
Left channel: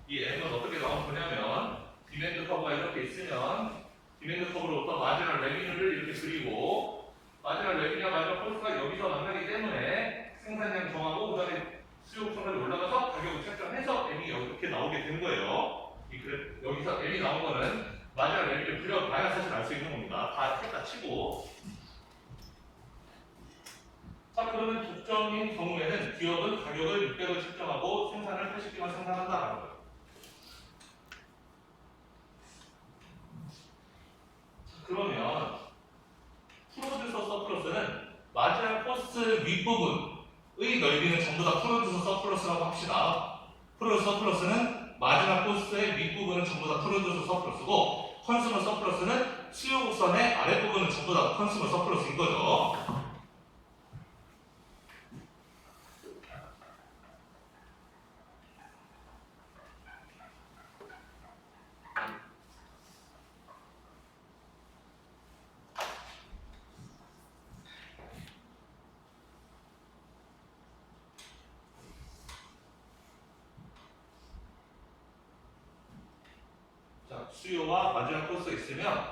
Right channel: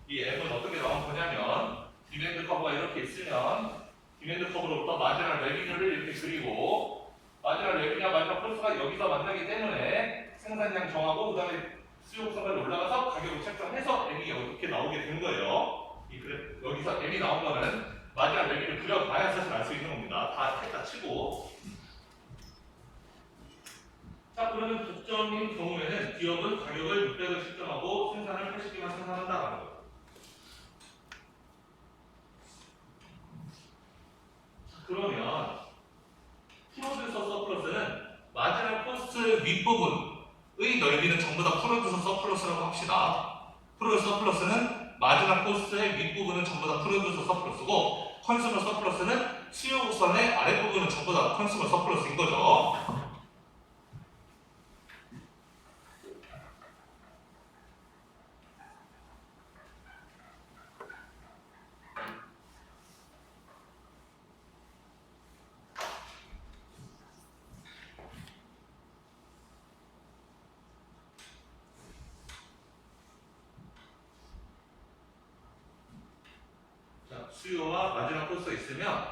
이 M은 어떻게 나온 거냐면 디맨드 커브가 이렇게 있으면 디맨드 커브로부터 마지막 레비뉴를 이렇게 그리고 마지막 레비뉴와 마지막 코스가 여기서 만나기 때문에 생산량 정하고 그 다음에 수요성까지 올라가서 가격을 책정해서 M이 이렇게 나오게 된 거예요. 여기서 M이 나온 거는 마지막 레비뉴를 그려봐야 사실 알 수 있는 겁니다. 다 했다 치고 자 그러면 독점인 경우에는 기업은 가격을 600을 책정하고 생산을 80개만 생산한다라는 거예요. 그러면 프로듀서 서플러스는 마지막 코스트 윗부분의 넓이는 전부 다 프로듀서 서플러스라고 합시다. 프로듀서 서플러스는 마지막 코스트의 윗부분은 전부 다 프로듀서 서플러스고 컨슈머 서플러스는 수요 곡선의 아랫부분은 전부 다 컨슈머 서플러스인 거죠. 수요와 마지막 코스가 있으면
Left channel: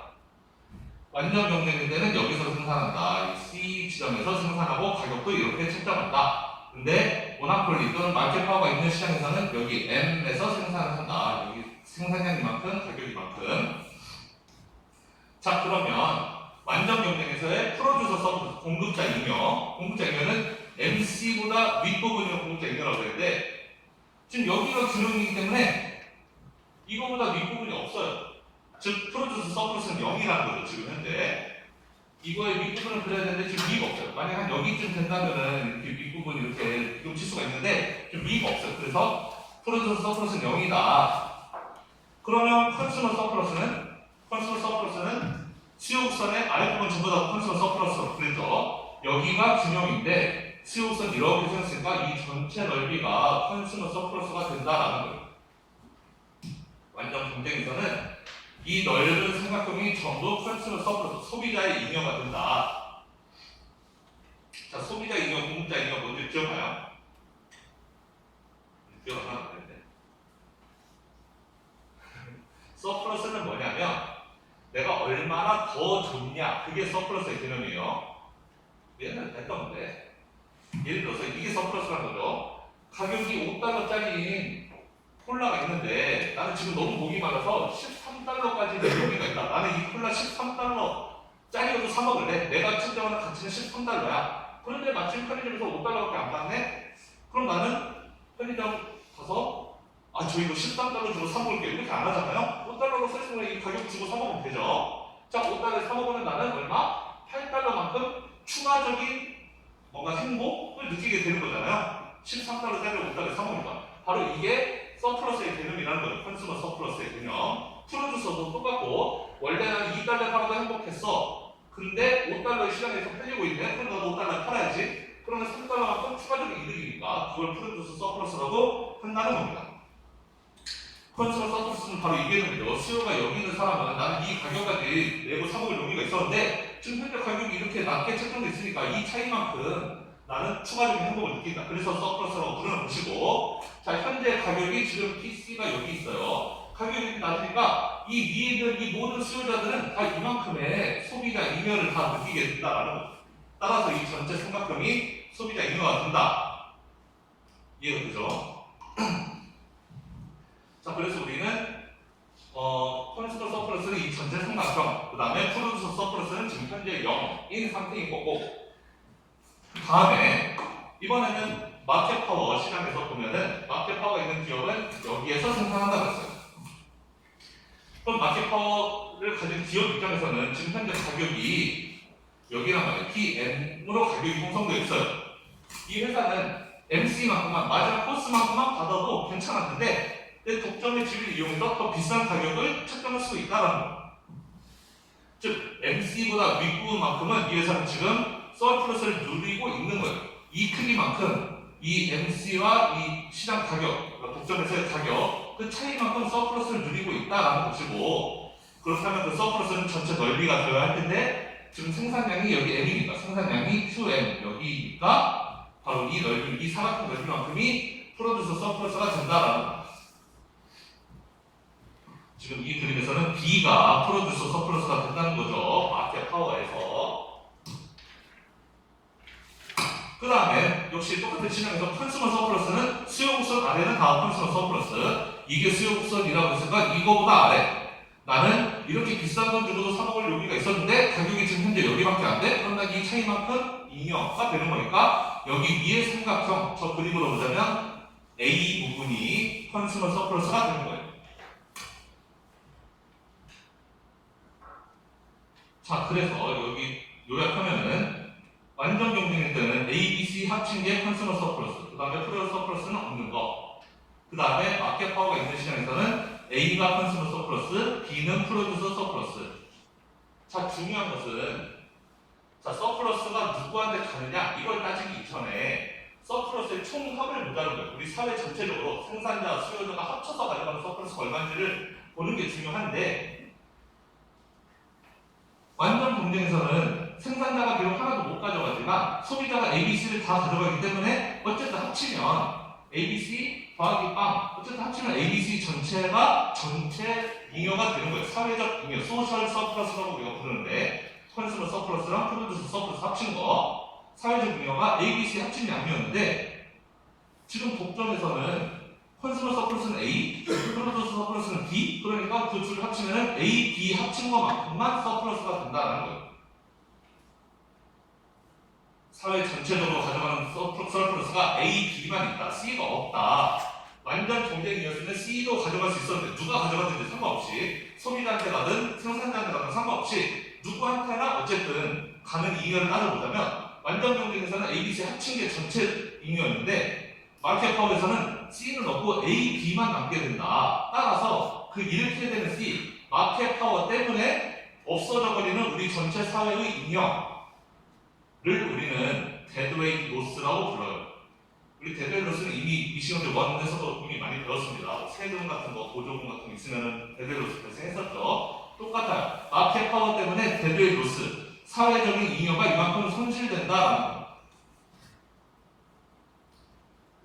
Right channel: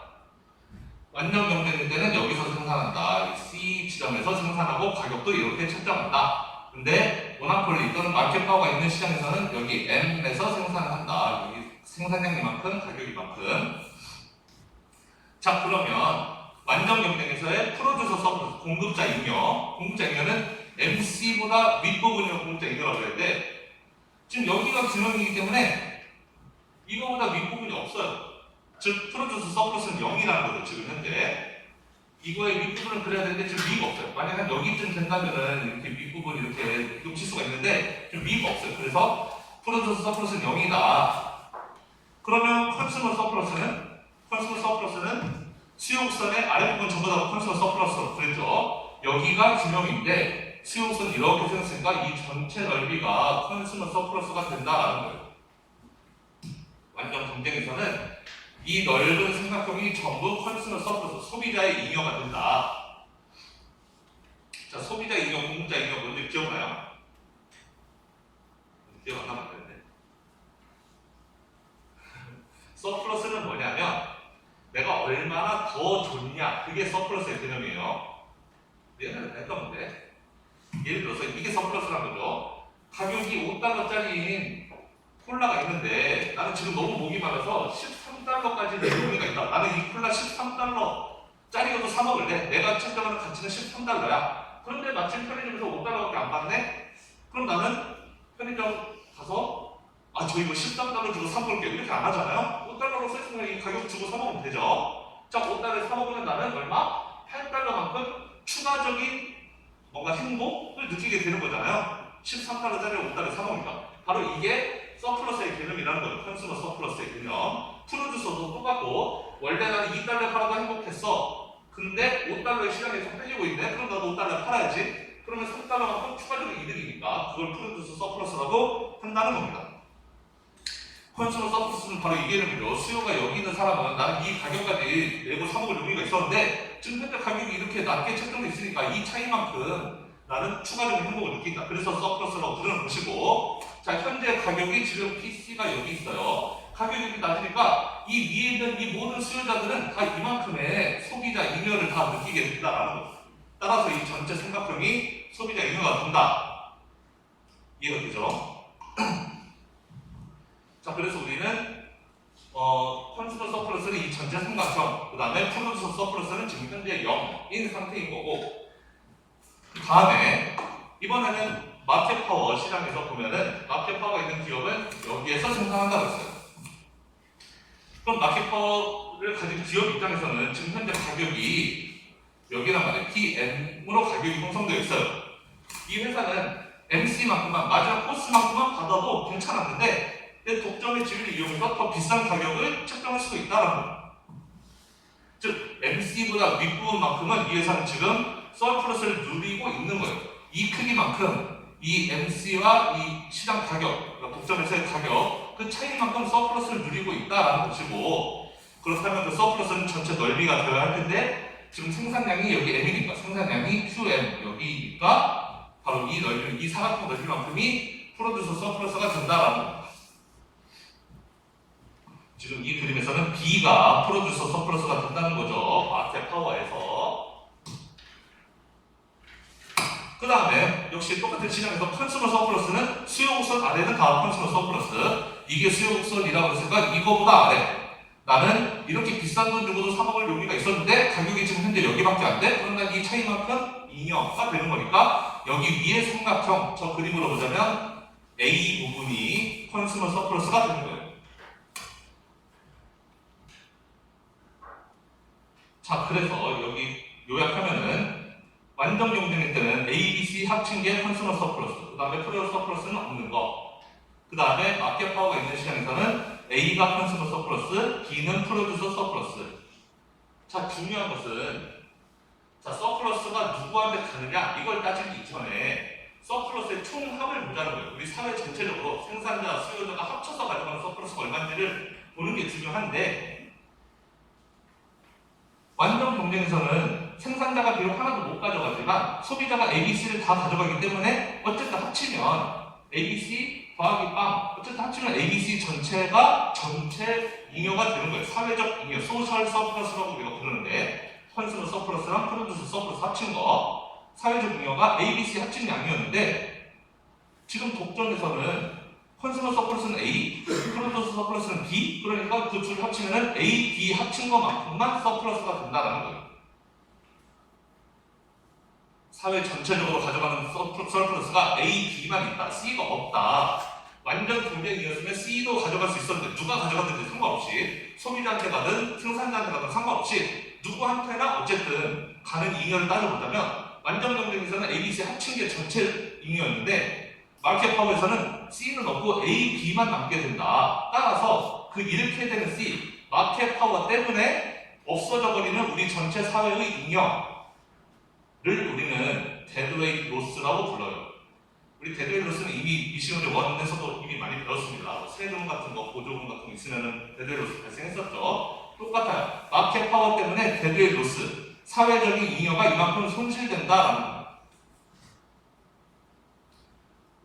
완전 경쟁일 때는 여기서 생산한다. C 지점에서 생산하고 가격도 이렇게 책정한다. 근데 모나폴리 또는 마켓 파워가 있는 시장에서는 여기 M에서 생산한다. 여기 생산량 이만큼, 가격 이만큼. 자 그러면 완전 경쟁에서의 프로듀서 서브스 공급자 잉여는 MC보다 윗부분이 공급자 잉여라고 그랬는데 지금 여기가 균형이기 때문에 이거보다 윗부분이 없어요. 즉 프로듀서 서플러스는 0이라는 거죠. 지금 현재 이거의 윗부분을 그려야 되는데 지금 위가 없어요. 만약 한 여기쯤 된다면은 이렇게 윗부분 이렇게 비금 칠 수가 있는데 지금 위가 없어요. 그래서 프로듀스 서플러스는 0이다. 그러면 컨슈머 서플러스는 수요곡선의 아랫부분 전부 다 컨슈머 서플러스로 그랬죠. 여기가 균형인데 수요곡선 이렇게 생겼으니까 이 전체 넓이가 컨슈머 서플러스가 된다라는 거예요. 완전 경쟁에서는 이 넓은 삼각형이 전부 컨슈머 서플러스, 소비자의 잉여가 된다. 자, 소비자 잉여, 공급자 잉여 뭔지 기억나요? 기억 안 나는 건데. 서플러스는 뭐냐면 내가 얼마나 더 좋냐, 그게 서플러스의 개념이에요. 옛날에 다 했던 건데. 예를 들어서 이게 서플러스라는 거죠. 가격이 5달러짜리인 콜라가 있는데 나는 지금 너무 목이 말라서 13달러까지 내용이가 있다. 나는 이 콜라 13달러짜리여도 사 먹을래. 내가 책정하는 가치는 13달러야. 그런데 마침 편의점에서 5달러밖에 안 받네? 그럼 나는 편의점 가서 저 이거 13달러 주고 사 먹을게요. 이렇게 안 하잖아요? 5달러로 써있으면 이 가격 주고 사 먹으면 되죠. 자, 5달러에 사 먹으면 나는 얼마? 8달러만큼 추가적인 뭔가 행복을 느끼게 되는 거잖아요. 13달러짜리 5달러에 사 먹으니까. 바로 이게 서플러스의 개념이라는 거예요. 컨슈머 서플러스의 개념. 프로듀서도 똑같고 원래 나는 2달러에 팔아도 행복했어. 근데 5달러에 시장에서 팔리고 있네. 그럼 나도 5달러에 팔아야지. 그러면 3달러만큼 추가적인 이득이니까 그걸 프로듀서 서플러스라고 한다는 겁니다. 컨슈머 서플러스는 바로 이 개념이죠. 수요가 여기 있는 사람은 나는 이 가격까지 내고 사 먹을 용의가 있었는데 지금 현재 가격이 이렇게 낮게 책정돼 있으니까 이 차이만큼 나는 추가적인 행복을 느낀다. 그래서 서플러스라고 부르는 것이고, 자, 현재 가격이 지금 PC가 여기 있어요. 가격이 낮으니까 이 위에 있는 이 모든 수요자들은 다 이만큼의 소비자 잉여를 다 느끼게 된다라는 거죠. 따라서 이 전체 삼각형이 소비자 잉여가 된다. 이해가 되죠? 자, 그래서 우리는 컨슈머 서플러스는 이 전체 삼각형, 그 다음에 프로듀서 서플러스는 지금 현재 0인 상태인 거고, 그 다음에 이번에는 마켓 파워 시장에서 보면은 마켓 파워가 있는 기업은 여기에서 생산한다고 했어요. 그럼 마켓 파워를 가진 기업 입장에서는 지금 현재 가격이 여기란 말이에요. PM으로 가격이 형성되어 있어요. 이 회사는 MC만큼만, 마지막 코스만큼만 받아도 괜찮았는데 내 독점의 지위를 이용해서 더 비싼 가격을 책정할 수도 있다는 거예요. 즉 MC보다 윗부분만큼은 이 회사는 지금 서플러스를 누리고 있는 거예요. 이 크기만큼 이 MC와 이 시장 가격, 그러니까 독점에서의 가격, 그 차이만큼 서플러스를 누리고 있다라는 것이고, 그렇다면 그 서플러스는 전체 넓이가 되어야 할 텐데 지금 생산량이 여기 M이니까 생산량이 QM 여기니까 바로 이 넓이, 이 사각형 넓이만큼이 프로듀서 서플러스가 된다라는 겁니다. 지금 이 그림에서는 B가 프로듀서 서플러스가 된다는 거죠. 마켓 파워에서. 그 다음에 역시 똑같은 시장에서 컨슈머 서플러스는 수요곡선 아래는 다 컨슈머 서플러스. 이게 수요곡선이라고 했으니까 이거보다 아래. 나는 이렇게 비싼 돈 주고도 사 먹을 용의가 있었는데 가격이 지금 현재 여기밖에 안 돼? 그럼 난 이 차이만큼 잉여가 되는 거니까 여기 위에 삼각형, 저 그림으로 보자면 A 부분이 컨슈머 서플러스가 되는 거예요. 자, 그래서 여기 요약하면은 완전 경쟁일 때는 A, B, C 합친게 컨슈머 서플러스, 그 다음에 프로듀서 서플러스는 없는 거, 그 다음에 마켓 파워가 있는 시장에서는 A가 컨슈머 서플러스, B는 프로듀서 서플러스. 자, 중요한 것은 자, 서플러스가 누구한테 가느냐 이걸 따지기 이전에 서플러스의 총합을 보자는 거예요. 우리 사회 전체적으로 생산자, 수요자가 합쳐서 가져가는 서플러스가 얼마인지를 보는 게 중요한데, 완전 경쟁에서는 생산자가 비록 하나도 못 가져가지만 소비자가 ABC를 다 가져가기 때문에 어쨌든 합치면 ABC 더하기 빵, 어쨌든 합치면 ABC 전체가 전체 잉여가 되는 거예요. 사회적 잉여, 소셜 서플러스라고 우리가 부르는데, 컨슈머 서플러스랑 프로듀서 서플러스 합친 거, 사회적 잉여가 ABC 합친 양이었는데 지금 독점에서는 컨슈머 서플러스는 A, 프로듀서 서플러스는 B, 그러니까 그 둘을 합치면 A, B 합친 것만큼만 서플러스가 된다는 거예요. 사회 전체적으로 가져가는 서플러스가 A, B만 있다, C가 없다. 완전 경쟁이었으면 C도 가져갈 수 있었는데 누가 가져갔든지 상관없이, 소비자한테 가든 생산자한테 가든 상관없이 누구한테나 어쨌든 가는 잉여를 따져보자면 완전 경쟁에서는 A, B, C 합친 게 전체 잉여였는데 마켓 파워에서는 C는 없고 A, B만 남게 된다. 따라서 그 이렇게 되는 C 마켓 파워 때문에 없어져 버리는 우리 전체 사회의 잉여를 우리는 데드웨이트 로스라고 불러요. 우리 데드웨이트 로스는 이미 미시온대 원에서도 이미 많이 배웠습니다. 세금 같은 거, 보조금 같은 거 있으면 데드웨이트 로스 발생했었죠. 똑같아요. 마켓 파워 때문에 데드웨이트 로스, 사회적인 잉여가 이만큼 손실된다라는 겁니다.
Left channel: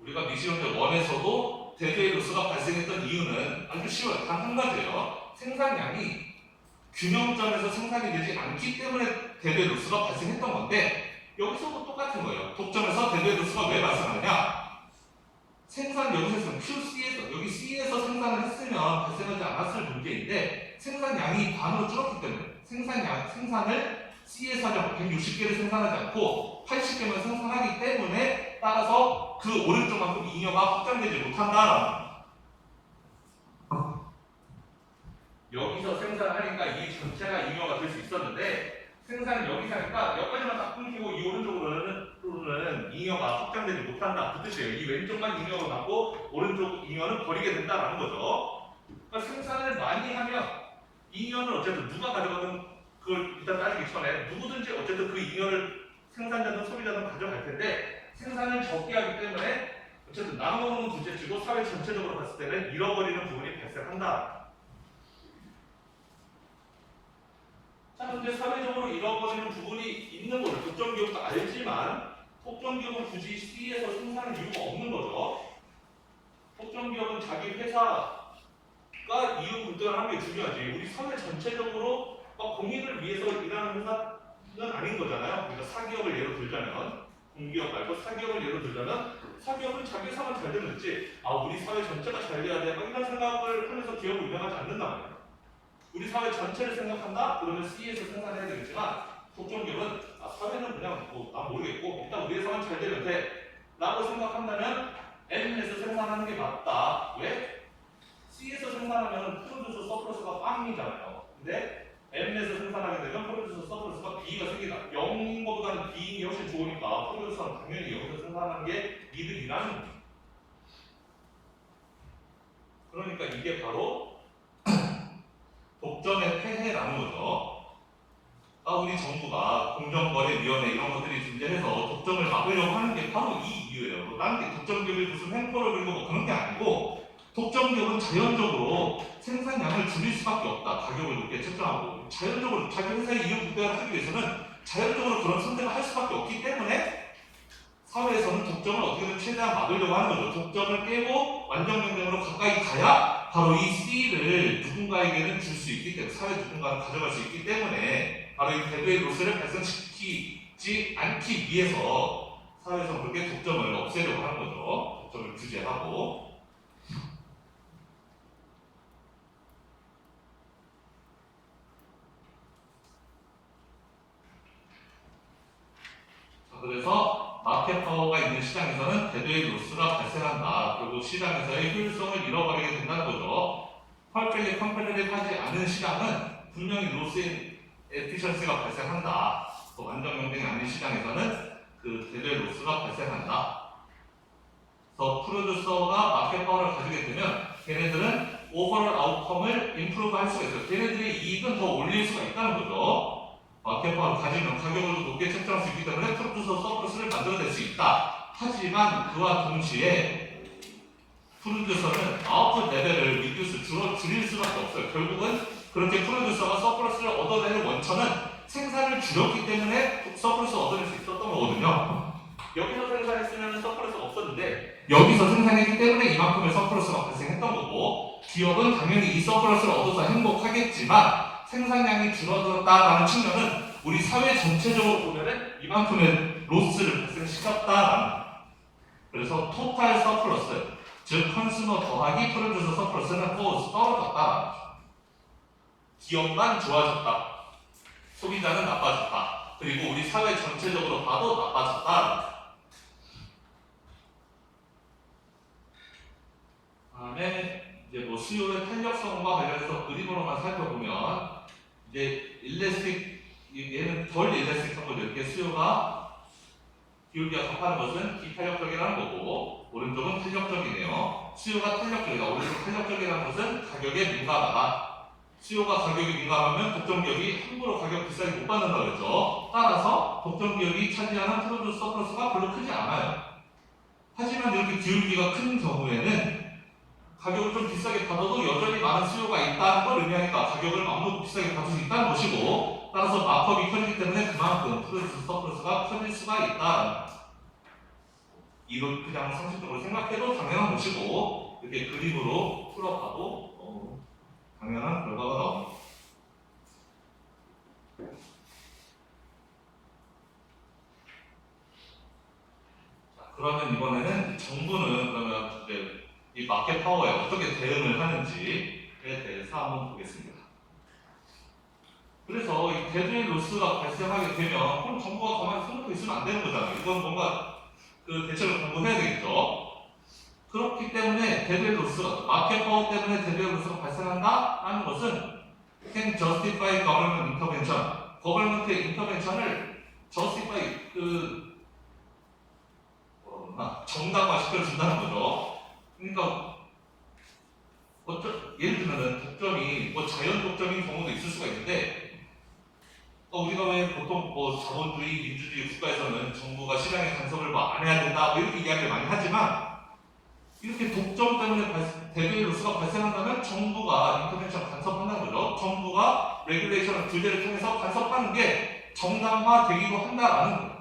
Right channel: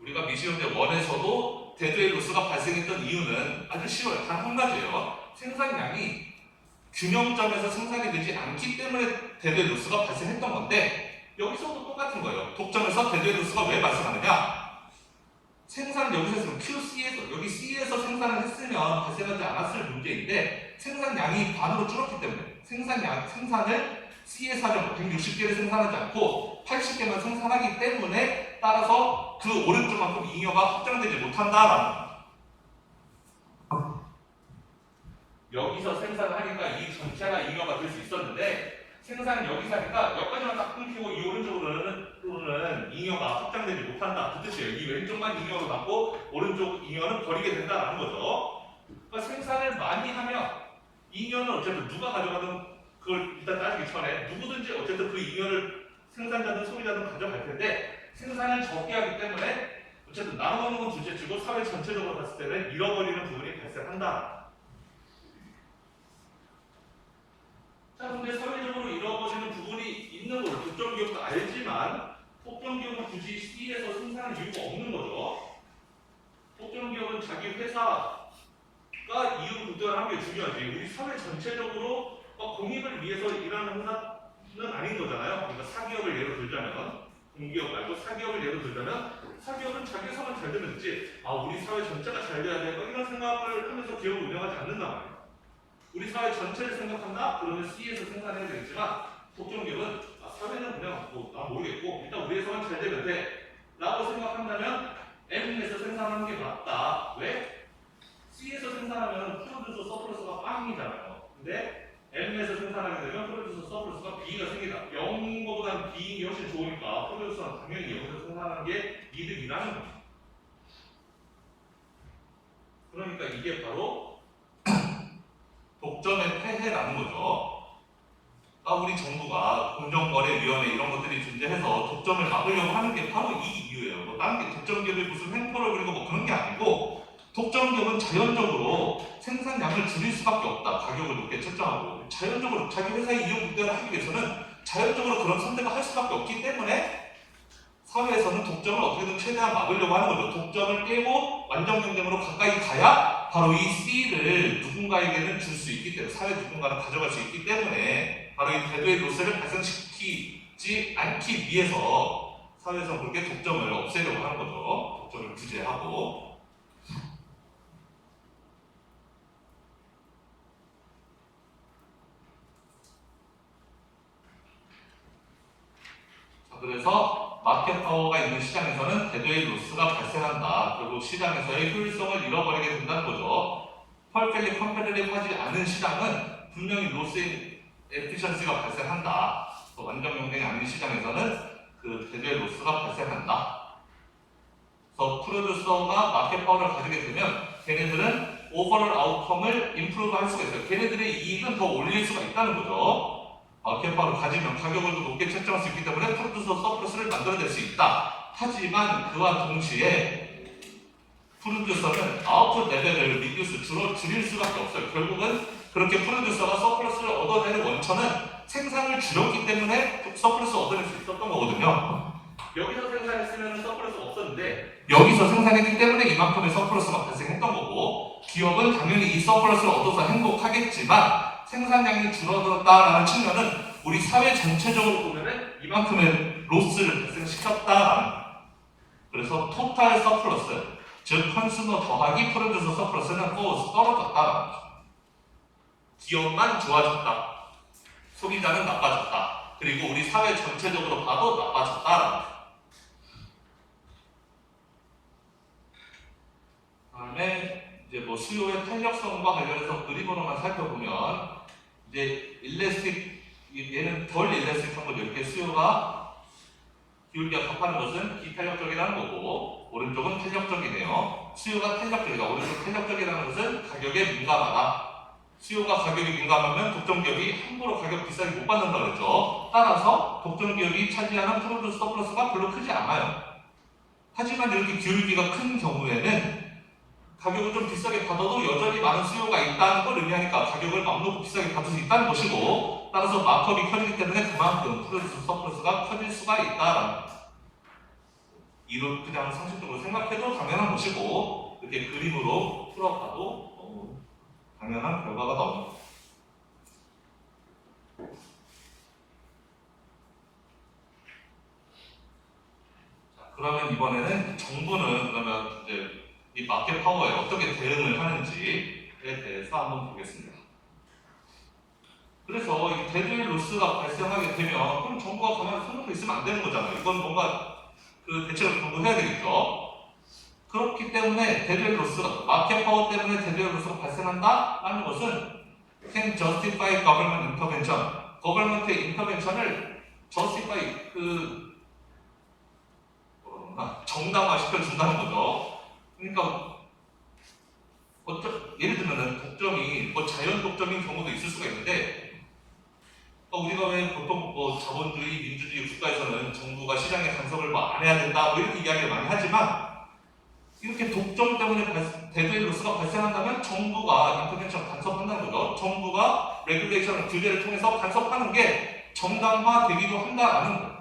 우리가 미시온대 원에서도 데드웨이트 로스가 발생했던 이유는 아주 쉬워요. 단 한 가지예요. 생산량이 균형점에서 생산이 되지 않기 때문에 데드웨이트 로스가 발생했던 건데 여기서도 똑같은 거예요. 독점에서 데드웨이트 로스가 왜 발생하느냐? 생산을 여기서 했으면 QC에서 여기 C에서 생산을 했으면 발생하지 않았을 문제인데 생산량이 반으로 줄었기 때문에 생산을 C에서 하려고 160개를 생산하지 않고 80개만 생산하기 때문에 따라서 그 오른쪽만큼 잉여가 확장되지 못한다라는 여기서 생산하니까 이 전체가 잉여가 될 수 있었는데 생산은 여기서 하니까 여기까지만 딱 끊기고 이 오른쪽으로는 잉여가 확장되지 못한다. 그 뜻이에요. 이 왼쪽만 잉여로 남고 오른쪽 잉여는 버리게 된다라는 거죠. 그러니까 생산을 많이 하면 잉여는 어쨌든 누가 가져가는 그걸 일단 따지기 전에 누구든지 어쨌든 그 잉여를 생산자든 소비자든 가져갈 텐데 생산을 적게 하기 때문에 어쨌든 나눠먹는 건 둘째치고 사회 전체적으로 봤을 때는 잃어버리는 부분이 발생한다. 자, 근데 사회적으로 잃어버리는 부분이 있는 거죠. 독점 기업도 알지만 독점 기업은 굳이 C에서 생산할 이유가 없는 거죠. 독점 기업은 자기 회사가 이익을 불등하는 게 중요하지. 우리 사회 전체적으로 공익을 위해서 일하는 회사는 아닌 거잖아요. 그러니까 사기업을 예로 들자면 공기업 말고 사기업을 예로 들자면 사기업은 자기 회사만 잘 되면 됐지. 아, 우리 사회 전체가 잘 돼야 돼. 이런 생각을 하면서 기업을 운영하지 않는단 말이에요. 우리 사회 전체를 생각한다? 그러면 C에서 생산해야 되겠지만 독점기업은 사회는 그냥 난 모르겠고 일단 우리 회사만 잘 되면 돼 라고 생각한다면 M에서 생산하는 게 맞다. 왜? C에서 생산하면 프로듀서 서플러스가 빵이잖아요. 근데 M에서 생산하게 되면 프로듀서 서플러스가 B가 생기다. 0인 것보다는 B인이 훨씬 좋으니까 프로듀서는 당연히 여기서 생산하는 게 이득이라는 거죠. 그러니까 이게 바로 독점의 폐해라는 거죠. 우리 정부가 공정거래위원회 이런 것들이 존재해서 독점을 막으려고 하는 게 바로 이 이유예요. 다른 게 독점기업이 무슨 횡포를 그리고 뭐 그런 게 아니고 독점기업은 자연적으로 생산량을 줄일 수밖에 없다. 가격을 높게 책정하고 자연적으로 자기 회사의 이익 극대화를 하기 위해서는 자연적으로 그런 선택을 할 수밖에 없기 때문에 사회에서는 독점을 어떻게든 최대한 막으려고 하는 거죠. 독점을 깨고 완전 경쟁으로 가까이 가야 바로 이 C를 누군가에게는 줄 수 있기 때문에 사회 누군가는 가져갈 수 있기 때문에 바로 이 데드웨이트 로스를 발생시키지 않기 위해서 사회에서 그렇게 독점을 없애려고 하는 거죠. 독점을 규제하고. 자, 그래서 마켓 파워가 있는 시장에서는 데드웨이트 로스가 발생한다. 그리고 시장에서의 효율성을 잃어버리게 된다는 거죠. 펄펠리 컴패리티브 하지 않은 시장은 분명히 로스 에피션시가 발생한다. 또 완전 경쟁이 아닌 시장에서는 그 데드웨이트 로스가 발생한다. 그래서 프로듀서가 마켓 파워를 가지게 되면 걔네들은 오버롤 아웃컴을 임프루브 할 수가 있어요. 걔네들의 이익은 더 올릴 수가 있다는 거죠. 마켓 파워를 가지면 가격을 더 높게 책정할 수 있기 때문에 프로듀서 서플러스를 만들어낼 수 있다. 하지만 그와 동시에 프로듀서는 아웃풋 레벨을 줄일 수밖에 없어요. 결국은 그렇게 프로듀서가 서플러스를 얻어내는 원천은 생산을 줄였기 때문에 서플러스 얻어낼 수 있었던 거거든요. 여기서 생산했으면 서플러스가 없었는데 여기서 생산했기 때문에 이만큼의 서플러스가 발생했던 거고 기업은 당연히 이 서플러스를 얻어서 행복하겠지만 생산량이 줄어들었다라는 측면은 우리 사회 전체적으로 보면은 이만큼의 로스를 발생시켰다라는 그래서 토탈 서플러스 즉 컨슈머 더하기 프로듀서 서플러스는 떨어졌다. 기업만 좋아졌다. 소비자는 나빠졌다. 그리고 우리 사회 전체적으로 봐도 나빠졌다. 다음에 이제 뭐 수요의 탄력성과 관련해서 그림으로만 살펴보면 이제 일레스틱 얘는 덜 일렉트릭 정도 이렇게 수요가 기울기가 값하는 것은 비탄력적이라는 거고 오른쪽은 탄력적이네요. 수요가 탄력적이다. 오른쪽 탄력적이라는 것은 가격에 민감하다. 수요가 가격에 민감하면 독점 기업이 함부로 가격 비싸게 못 받는다고 그랬죠. 따라서 독점 기업이 차지하는 프로듀스 서플러스가 별로 크지 않아요. 하지만 이렇게 기울기가 큰 경우에는 가격을 좀 비싸게 받아도 여전히 많은 수요가 있다는 걸 의미하니까 가격을 맘 놓고 비싸게 받을 수 있다는 것이고 따라서 마크업이 커지기 때문에 그만큼 프로듀스 서플러스가 커질 수가 있다라는 이로 그냥 상식적으로 생각해도 당연한 것이고 이렇게 그림으로 풀어봐도 당연한 결과가 나옵니다. 자, 그러면 이번에는 정부는 그러면 이제 이 마켓 파워에 어떻게 대응을 하는지에 대해서 한번 보겠습니다. 그래서 이 데드의 로스가 발생하게 되면 그럼 정부가 가만히 손 놓고 있으면 안 되는 거잖아요. 이건 뭔가 그 대책을 강구해야 되겠죠. 그렇기 때문에 데드의 로스가 마켓 파워 때문에 데드의 로스가 발생한다라는 것은 can justify government intervention, government의 intervention을 justify 정당화 시켜준다는 거죠. 그러니까 예를 들면은 독점이 뭐 자연 독점인 경우도 있을 수가 있는데 우리가 왜 보통 뭐 자본주의, 민주주의 국가에서는 정부가 시장에 간섭을 뭐 안 해야 된다 뭐 이렇게 이야기를 많이 하지만 이렇게 독점 때문에 데드의 로스가 발생한다면 정부가 인터벤션 간섭한다는 거죠. 정부가 레귤레이션 규제를 통해서 간섭하는 게 정당화되기도 한다라는 거예요.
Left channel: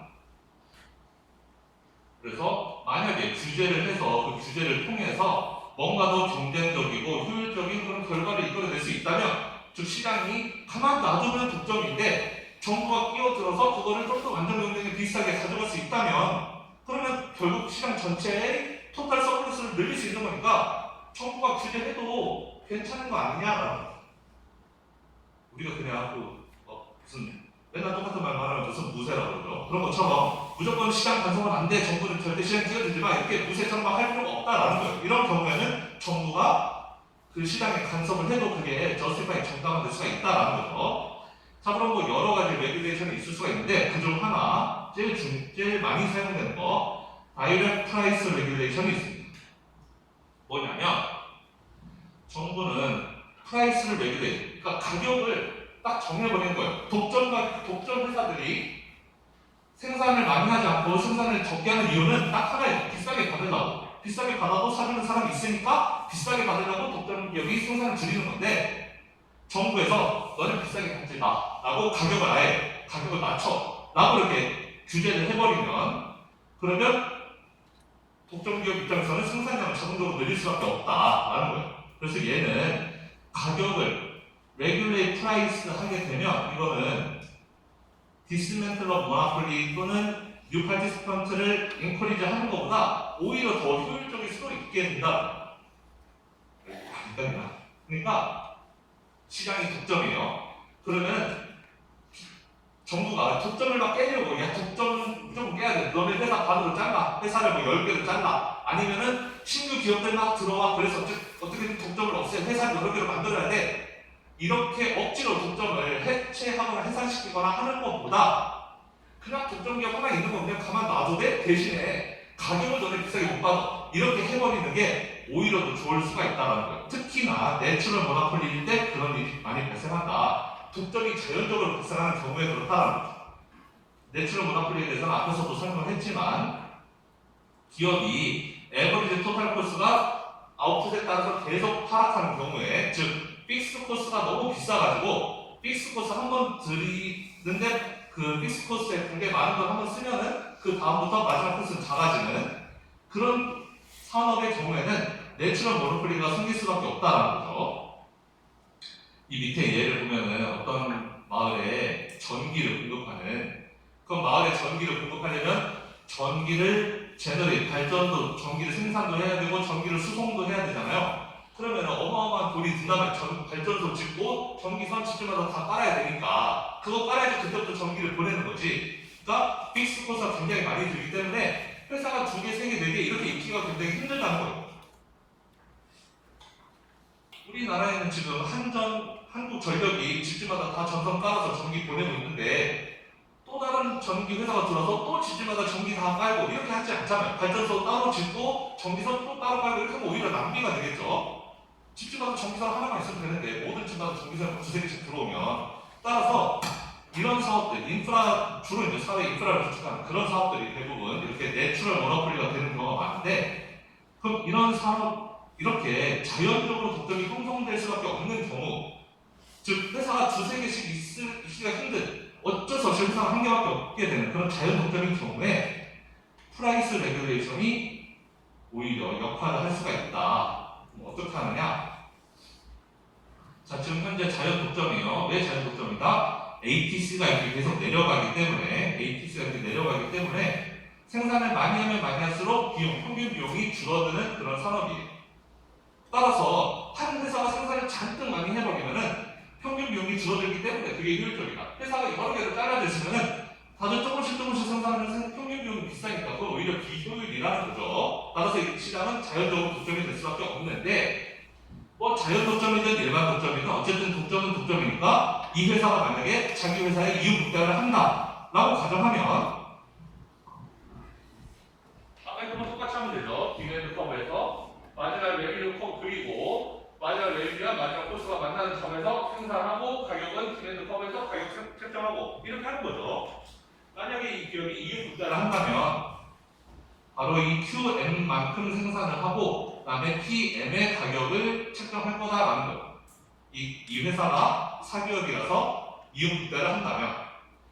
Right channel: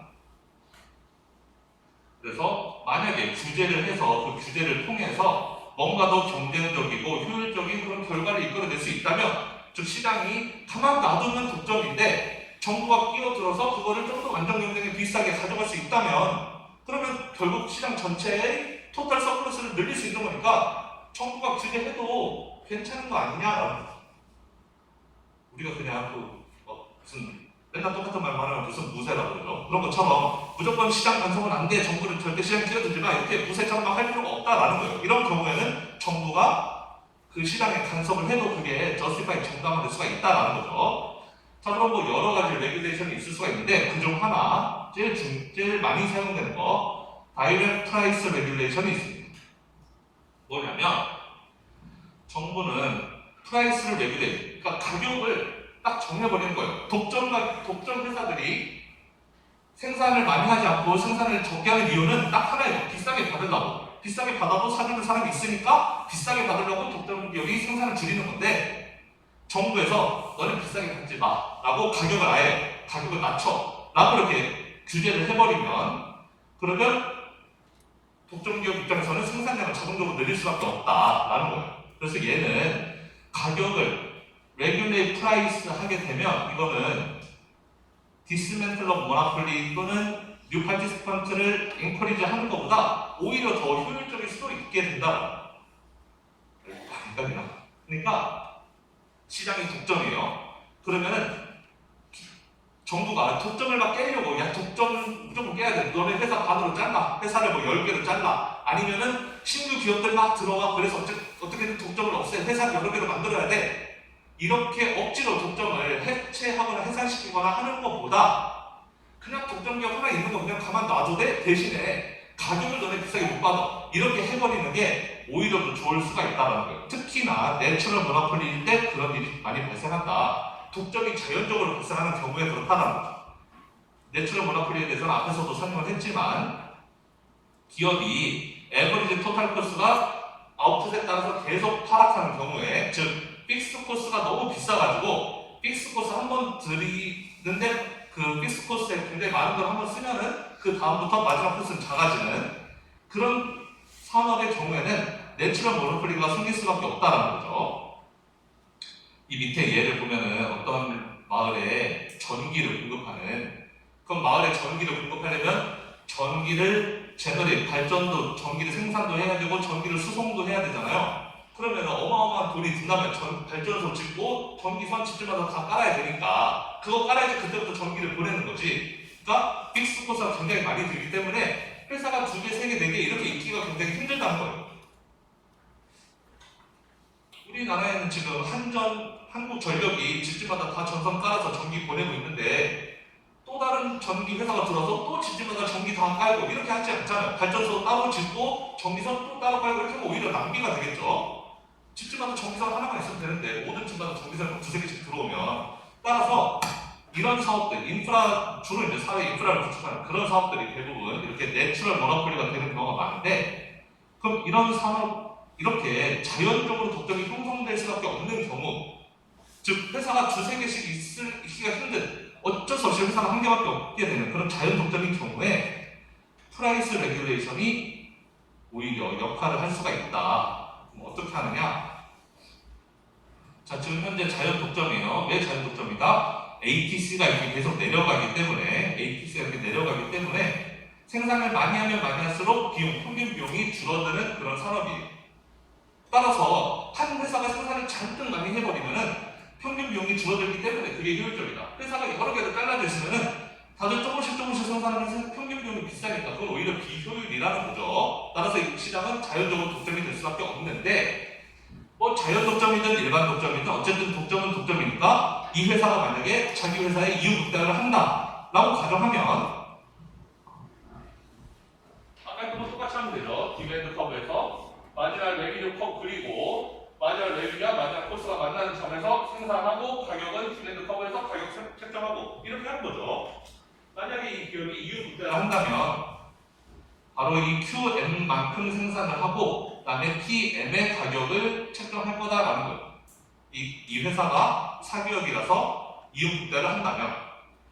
그래서 만약에 규제를 해서 그 규제를 통해서 뭔가 더 경쟁적이고 효율적인 그런 결과를 이끌어낼 수 있다면 즉 시장이 가만 놔두면 독점인데 정부가 끼어들어서 그거를 좀 더 완전 경쟁에 비슷하게 가져갈 수 있다면 그러면 결국 시장 전체의 토탈 서플러스를 늘릴 수 있는 거니까 정부가 규제해도 괜찮은 거 아니냐. 우리가 그냥 무슨 맨날 똑같은 말만 하면 무슨 무세라고 그러죠. 그런 것처럼 무조건 시장 간섭은 안 돼. 정부는 절대 시장에 끼어들지 마. 이렇게 무세처럼 할 필요가 없다라는 거예요. 이런 경우에는 정부가 그 시장에 간섭을 해도 그게 저스티파이 정당화될 수가 있다라는 거죠. 자, 그럼 뭐 여러 가지 레귤레이션이 있을 수가 있는데 그중 하나 제일 많이 사용되는 거 다이렉트 프라이스 레귤레이션이 있습니다. 뭐냐면 정부는 프라이스를 레귤레이션, 그러니까 가격을 딱 정해버리는 거예요. 독점 회사들이 생산을 많이 하지 않고 생산을 적게 하는 이유는 딱 하나예요. 비싸게 받으려고. 비싸게 받아도 사주는 사람이 있으니까 비싸게 받으려고 독점 기업이 생산을 줄이는 건데 정부에서 너는 비싸게 받지 마 라고 가격을 낮춰 라고 이렇게 규제를 해버리면 그러면 독점 기업 입장에서는 생산량을 자동적으로 늘릴 수밖에 없다라는 거예요. 그래서 얘는 가격을 레귤레이트 프라이스 하게 되면 이거는 디스멘틀 오브 모노폴리 또는 뉴 파티스펀트를 인커리지 하는 것보다 오히려 더 효율적일 수도 있게 된다. 그러니까 시장이 독점이에요. 그러면은 정부가 독점을 막 깨려고 야 독점은 무조건 깨야 돼. 너네 회사 반으로 잘라. 회사를 뭐 10개를 잘라. 아니면은 신규 기업들 막 들어와. 그래서 어떻게든 독점을 없애. 회사를 여러 개로 만들어야 돼. 이렇게 억지로 독점을 해체하거나 해산시키거나 하는 것보다 그냥 독점 기업 하나 있는 거 그냥 가만 놔도 돼? 대신에 가격을 너네 비싸게 못 받아. 이렇게 해버리는 게 오히려 더 좋을 수가 있다는 거예요. 특히나 내추럴 모노폴리일 때 그런 일이 많이 발생한다. 독점이 자연적으로 발생하는 경우에 그렇다는 거죠. 내추럴 모노폴리에 대해서는 앞에서도 설명을 했지만 기업이 에버리지 토탈 코스가 아웃풋에 따라서 계속 하락하는 경우에 즉 픽스 코스가 너무 비싸가지고 픽스 코스 한 번 들이는데 그 픽스 코스에 굉장히 많은 걸 한 번 쓰면은 그 다음부터 마지막 코스는 작아지는 그런 산업의 경우에는 내추럴 모노폴리가 생길 수밖에 없다는 거죠. 이 밑에 예를 보면은 어떤 마을에 전기를 공급하는 그럼 마을에 전기를 공급하려면 전기를 제너레이트 발전도 전기를 생산도 해야 되고 전기를 수송도 해야 되잖아요. 그러면 어마어마한 돈이 든다면 발전소 짓고 전기선 집집마다 다 깔아야 되니까 그거 깔아야지 그때부터 전기를 보내는 거지. 그러니까 픽스 코스가 굉장히 많이 들기 때문에 회사가 2개, 3개, 4개 이렇게 있기가 굉장히 힘들다는 거예요. 우리나라에는 지금 한국전력이 집집마다 다 전선 깔아서 전기 보내고 있는데 또 다른 전기 회사가 들어서 또 집집마다 전기 다 깔고 이렇게 하지 않잖아요. 발전소 따로 짓고 전기선 또 따로 깔고 이렇게 하면 오히려 낭비가 되겠죠. 집집마다 전기선 하나만 있으면 되는데 모든 집마다 전기선이 두세 개씩 들어오면 따라서 이런 사업들, 인프라, 주로 이제 사회 인프라를 구축하는 그런 사업들이 대부분 이렇게 내추럴 모노폴리가 되는 경우가 많은데 그럼 이런 사업, 이렇게 자연적으로 독점이 형성될 수밖에 없는 경우 즉 회사가 두세 개씩 있기가 힘든 어쩔 수 없이 회사가 한 개밖에 없게 되는 그런 자연 독점인 경우에 프라이스 레귤레이션이 오히려 역할을 할 수가 있다. 어떻게 하느냐? 자, 지금 현재 자연 독점이에요. 왜 자연 독점이다? ATC가 이렇게 계속 내려가기 때문에 생산을 많이 하면 많이 할수록 평균 비용이 줄어드는 그런 산업이에요. 따라서 한 회사가 생산을 잔뜩 많이 해버리면은 평균 비용이 줄어들기 때문에 그게 효율적이다. 회사가 여러 개를 잘라져 있으면은 다들 조금씩 생산하면 평균 비용이 비싸니까 그건 오히려 비효율이라는 거죠. 따라서 이 시장은 자연적으로 독점이 될 수밖에 없는데 뭐 자연 독점이든 일반 독점이든 어쨌든 독점은 독점이니까 이 회사가 만약에 자기 회사에 이윤 극대화를 한다라고 가정하면 아까 했던 똑같이 하면 되죠. 디맨드 커브에서 마지막 레비뉴 커브 그리고 마지막 레비뉴와 마지막 코스가 만나는 점에서 생산하고 가격은 디맨드 커브에서 가격 책정하고 이렇게 하는 거죠. 만약에 이 기업이 이윤 극대화를 한다면 바로 이 QM만큼 생산을 하고 그다음에 PM의 가격을 책정할 거다라는 거예요. 이 회사가 사기업이라서 이윤 극대화를 한다면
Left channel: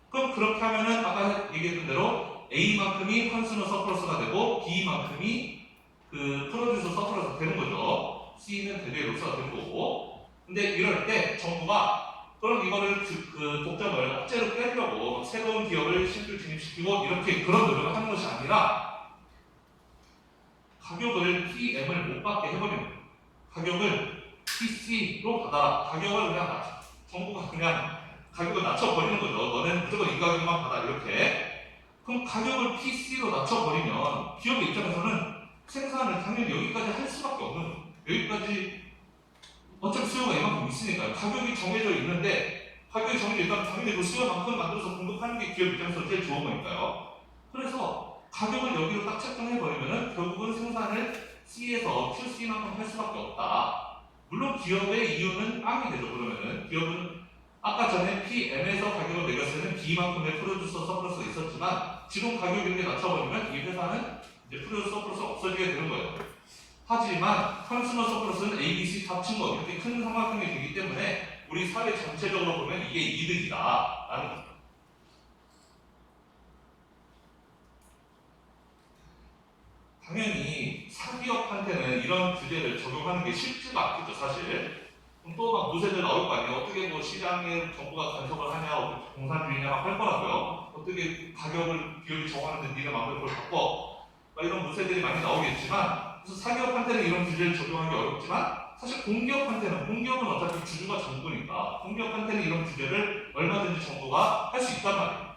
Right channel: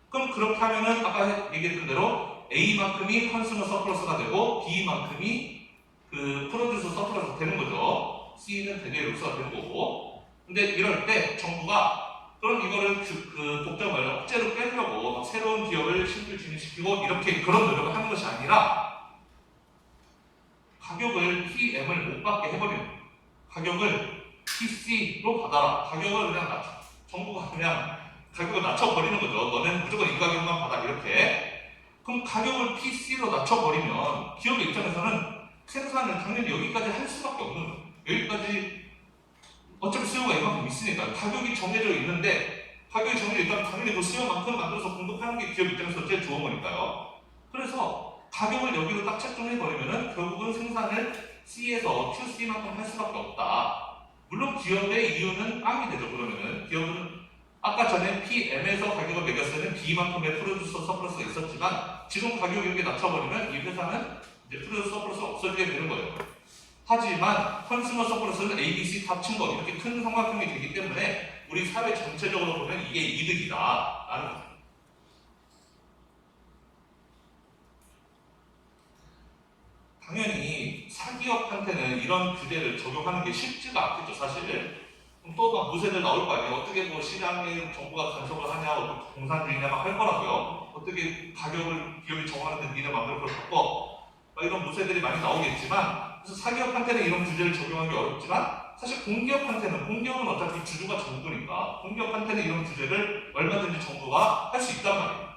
그럼 그렇게 하면은 아까 얘기했던 대로 A만큼이 컨슈머 서플러스가 되고 B만큼이 그 프로듀서 서플러스가 되는 거죠. C는 대대 로스가 되는 거고. 근데 이럴 때 정부가 그럼 이거를 그 독점을 억제로 빼려고 새로운 기업을 신규 진입시키고 이렇게 그런 노력을 하는 것이 아니라 가격을 PM을 못 받게 해버리는 거예요. 가격을 PC로 받아. 가격을 그냥 정부가 그냥 가격을 낮춰버리는 거죠. 너네는 무조건 이 가격만 받아 이렇게. 그럼 가격을 PC로 낮춰버리면 기업의 입장에서는 생산을 당연히 여기까지 할 수밖에 없는 거예요. 여기까지 어차피 수요가 이만큼 있으니까 가격이 정해져 있는데 가격이 정해져 있다면 당연히 그 수요만큼 만들어서 공급하는 게 기업 입장에서 제일 좋은 거니까요. 그래서 가격을 여기로 딱 책정해버리면은 결국은 생산을 C에서 QC만큼 할 수밖에 없다. 물론 기업의 이유는 빵이 되죠. 그러면은 기업은 아까 전에 PM에서 가격을 매겼을 때는 B만큼의 프로듀서 서플러스가 있었지만 지금 가격을 이렇게 낮춰버리면 이 회사는 이제 프로듀서 서플러스가 없어지게 되는 거예요. 하지만 컨슈머 서플러스는 A, B, C 합친 거 이렇게 큰 삼각형이 되기 때문에 우리 사회 전체적으로 보면 이게 이득이다라는 거죠. 당연히 사기업한테는 이런 규제를 적용하는 게 쉽지가 않겠죠, 사실. 또 막 무쇠들 나올 거 아니에요. 어떻게 뭐 시장에 정부가 간섭을 하냐, 어떻게 공산주의냐 막 할 거라고요. 어떻게 가격을 기업이 정하는데 니네 마음대로 그걸 바꿔. 막 이런 무쇠들이 많이 나오겠지만, 그래서 사기업한테는 이런 규제를 적용하기 어렵지만, 사실 공기업은 어차피 주주가 정부니까, 공기업한테는 이런 규제를 얼마든지 정부가 할 수 있단 말이에요.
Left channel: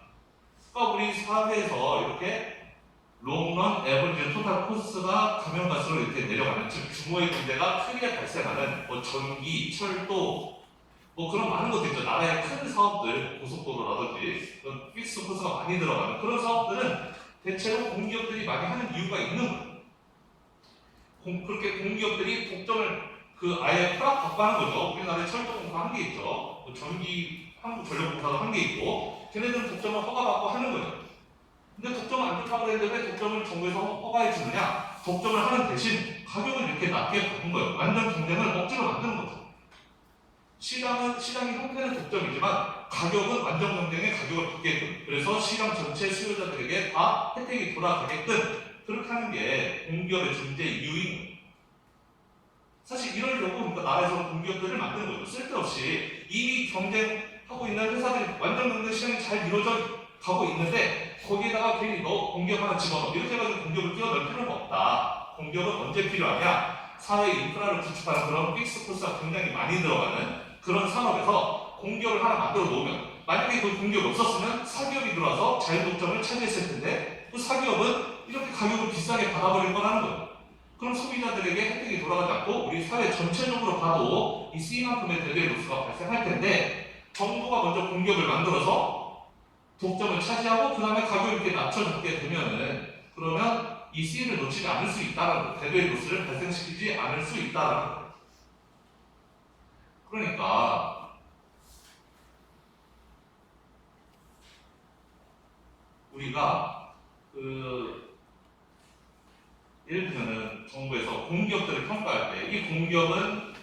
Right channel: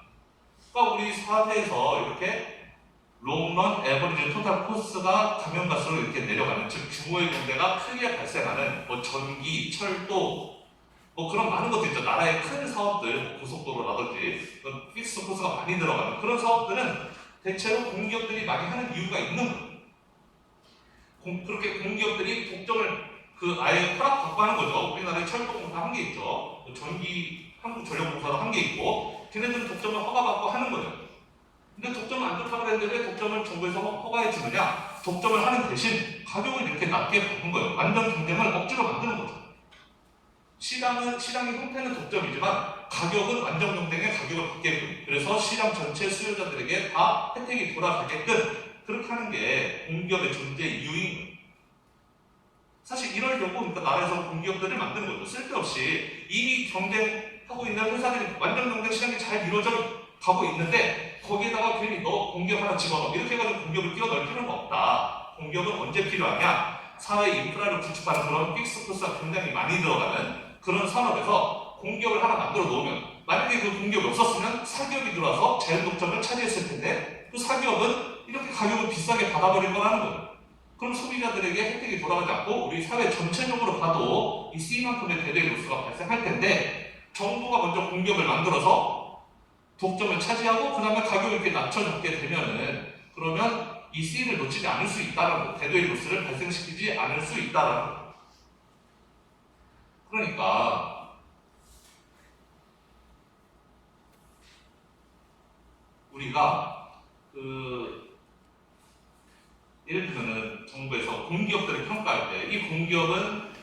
그러니까 우리 사회에서 이렇게 롱런 에버리지 토탈 코스가 가면 갈수록 이렇게 내려가는, 즉 규모의 문제가 크게 발생하는 뭐 전기, 철도 뭐 그런 많은 것들 있죠. 나라의 큰 사업들, 고속도로라든지 그런 픽스 코스가 많이 들어가는 그런 사업들은 대체로 공기업들이 많이 하는 이유가 있는 거예요. 그렇게 공기업들이 독점을 아예 허락받고 거죠. 우리나라에 철도공사 한 개 있죠. 뭐 전기, 한국전력공사도 한 개 있고 걔네들은 독점을 허가받고 하는 거예요. 근데 독점은 안 좋다고 그랬는데 왜 독점을 정부에서 허가해 주느냐? 독점을 하는 대신 가격을 이렇게 낮게 보는 거예요. 완전 경쟁을 억지로 만드는 거죠. 시장의 형태는 독점이지만 가격은 완전 경쟁의 가격을 받게끔, 그래서 시장 전체 수요자들에게 다 혜택이 돌아가게끔 그렇게 하는 게 공기업의 존재 이유인 거예요. 사실 이러려고 그러니까 나라에서 공기업들을 만드는 거죠. 쓸데없이 이미 경쟁하고 있는 회사들이 완전 경쟁 시장이 잘 이루어져 가고 있는데 거기에다가 괜히 너 공기업 하나 집어넣어 이렇게 해가지고 공기업을 끼워넣을 필요는 없다. 공기업은 언제 필요하냐? 사회 인프라를 구축하는 그런 픽스 코스가 굉장히 많이 들어가는 그런 산업에서 공기업을 하나 만들어 놓으면 만약에 그 공기업이 없었으면 사기업이 들어와서 자율 독점을 차지했을 텐데 그 사기업은 이렇게 가격을 비싸게 받아버린 거라는 거예요. 그럼 소비자들에게 혜택이 돌아가지 않고 우리 사회 전체적으로 봐도 이 C만큼의 대대의 로스가 발생할 텐데 정부가 먼저 공격을 만들어서 독점을 차지하고 그 다음에 가격을 이렇게 낮춰주게 되면은 그러면 이 C를 놓치지 않을 수 있다는 거, 대대의 로스를 발생시키지 않을 수 있다는 거. 그러니까 우리가 예를 들면 정부에서 공기업들을 평가할 때 이 공기업은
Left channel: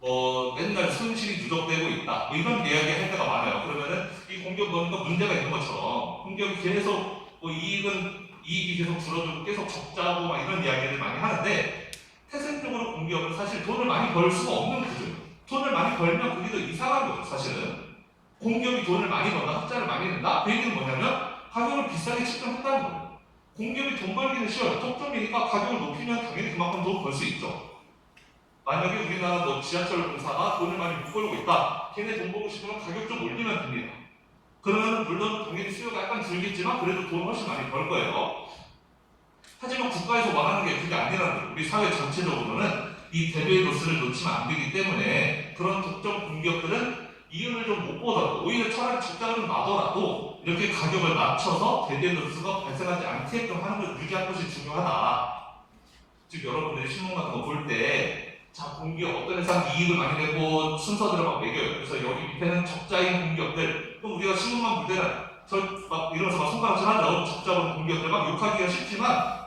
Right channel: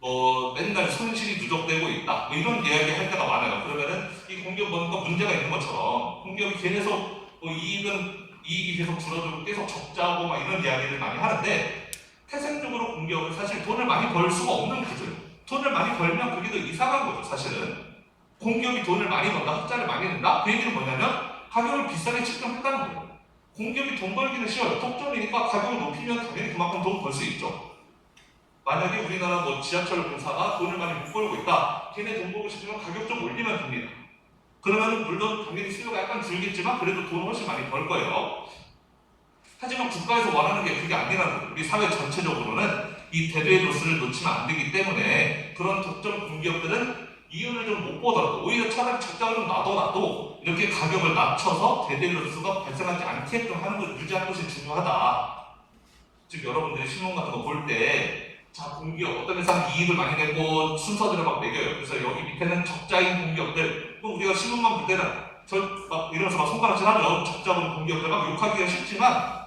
뭐 맨날 손실이 누적되고 있다 뭐 이런 이야기 할 때가 많아요. 그러면은 이 공기업 뭔가 문제가 있는 것처럼 공기업이 계속 뭐 이익이 계속 줄어들고 계속 적자고 막 이런 이야기를 많이 하는데 태생적으로 공기업은 사실 돈을 많이 벌 수가 없는 구조예요. 돈을 많이 벌면 그게 더 이상한 거죠. 사실은 공기업이 돈을 많이 번다, 흑자를 많이 낸다. 그 얘기는 뭐냐면 가격을 비싸게 책정한다는 거예요. 공기업이 돈 벌기는 쉬워요. 독점이니까 가격을 높이면 당연히 그만큼 돈 벌 수 있죠. 만약에 우리나라 뭐 지하철 공사가 돈을 많이 못 벌고 있다. 걔네 돈 벌고 싶으면 가격 좀 올리면 됩니다. 그러면 물론 당연히 수요가 약간 줄겠지만 그래도 돈 훨씬 많이 벌 거예요. 하지만 국가에서 원하는 게 그게 아니라는 거예요. 우리 사회 전체적으로는 이 대대의 로스를 놓치면 안 되기 때문에 그런 독점 공기업들은 이윤을 좀 못 보더라도 오히려 차라리 적자를 나더라도 이렇게 가격을 낮춰서 대대의 로스가 발생하지 않게끔 하는 걸 유지하는 것이 중요하다. 즉 여러분들이 신문 같은 거 볼 때 자, 공기업 어떤 회사는 이익을 많이 내고 순서대로 막 매겨요. 그래서 여기 밑에는 적자인 공기업들. 그럼 우리가 신문만 볼 때는 막 이러면서 막 손가락질 하죠. 적자본 공기업들 막 욕하기가 쉽지만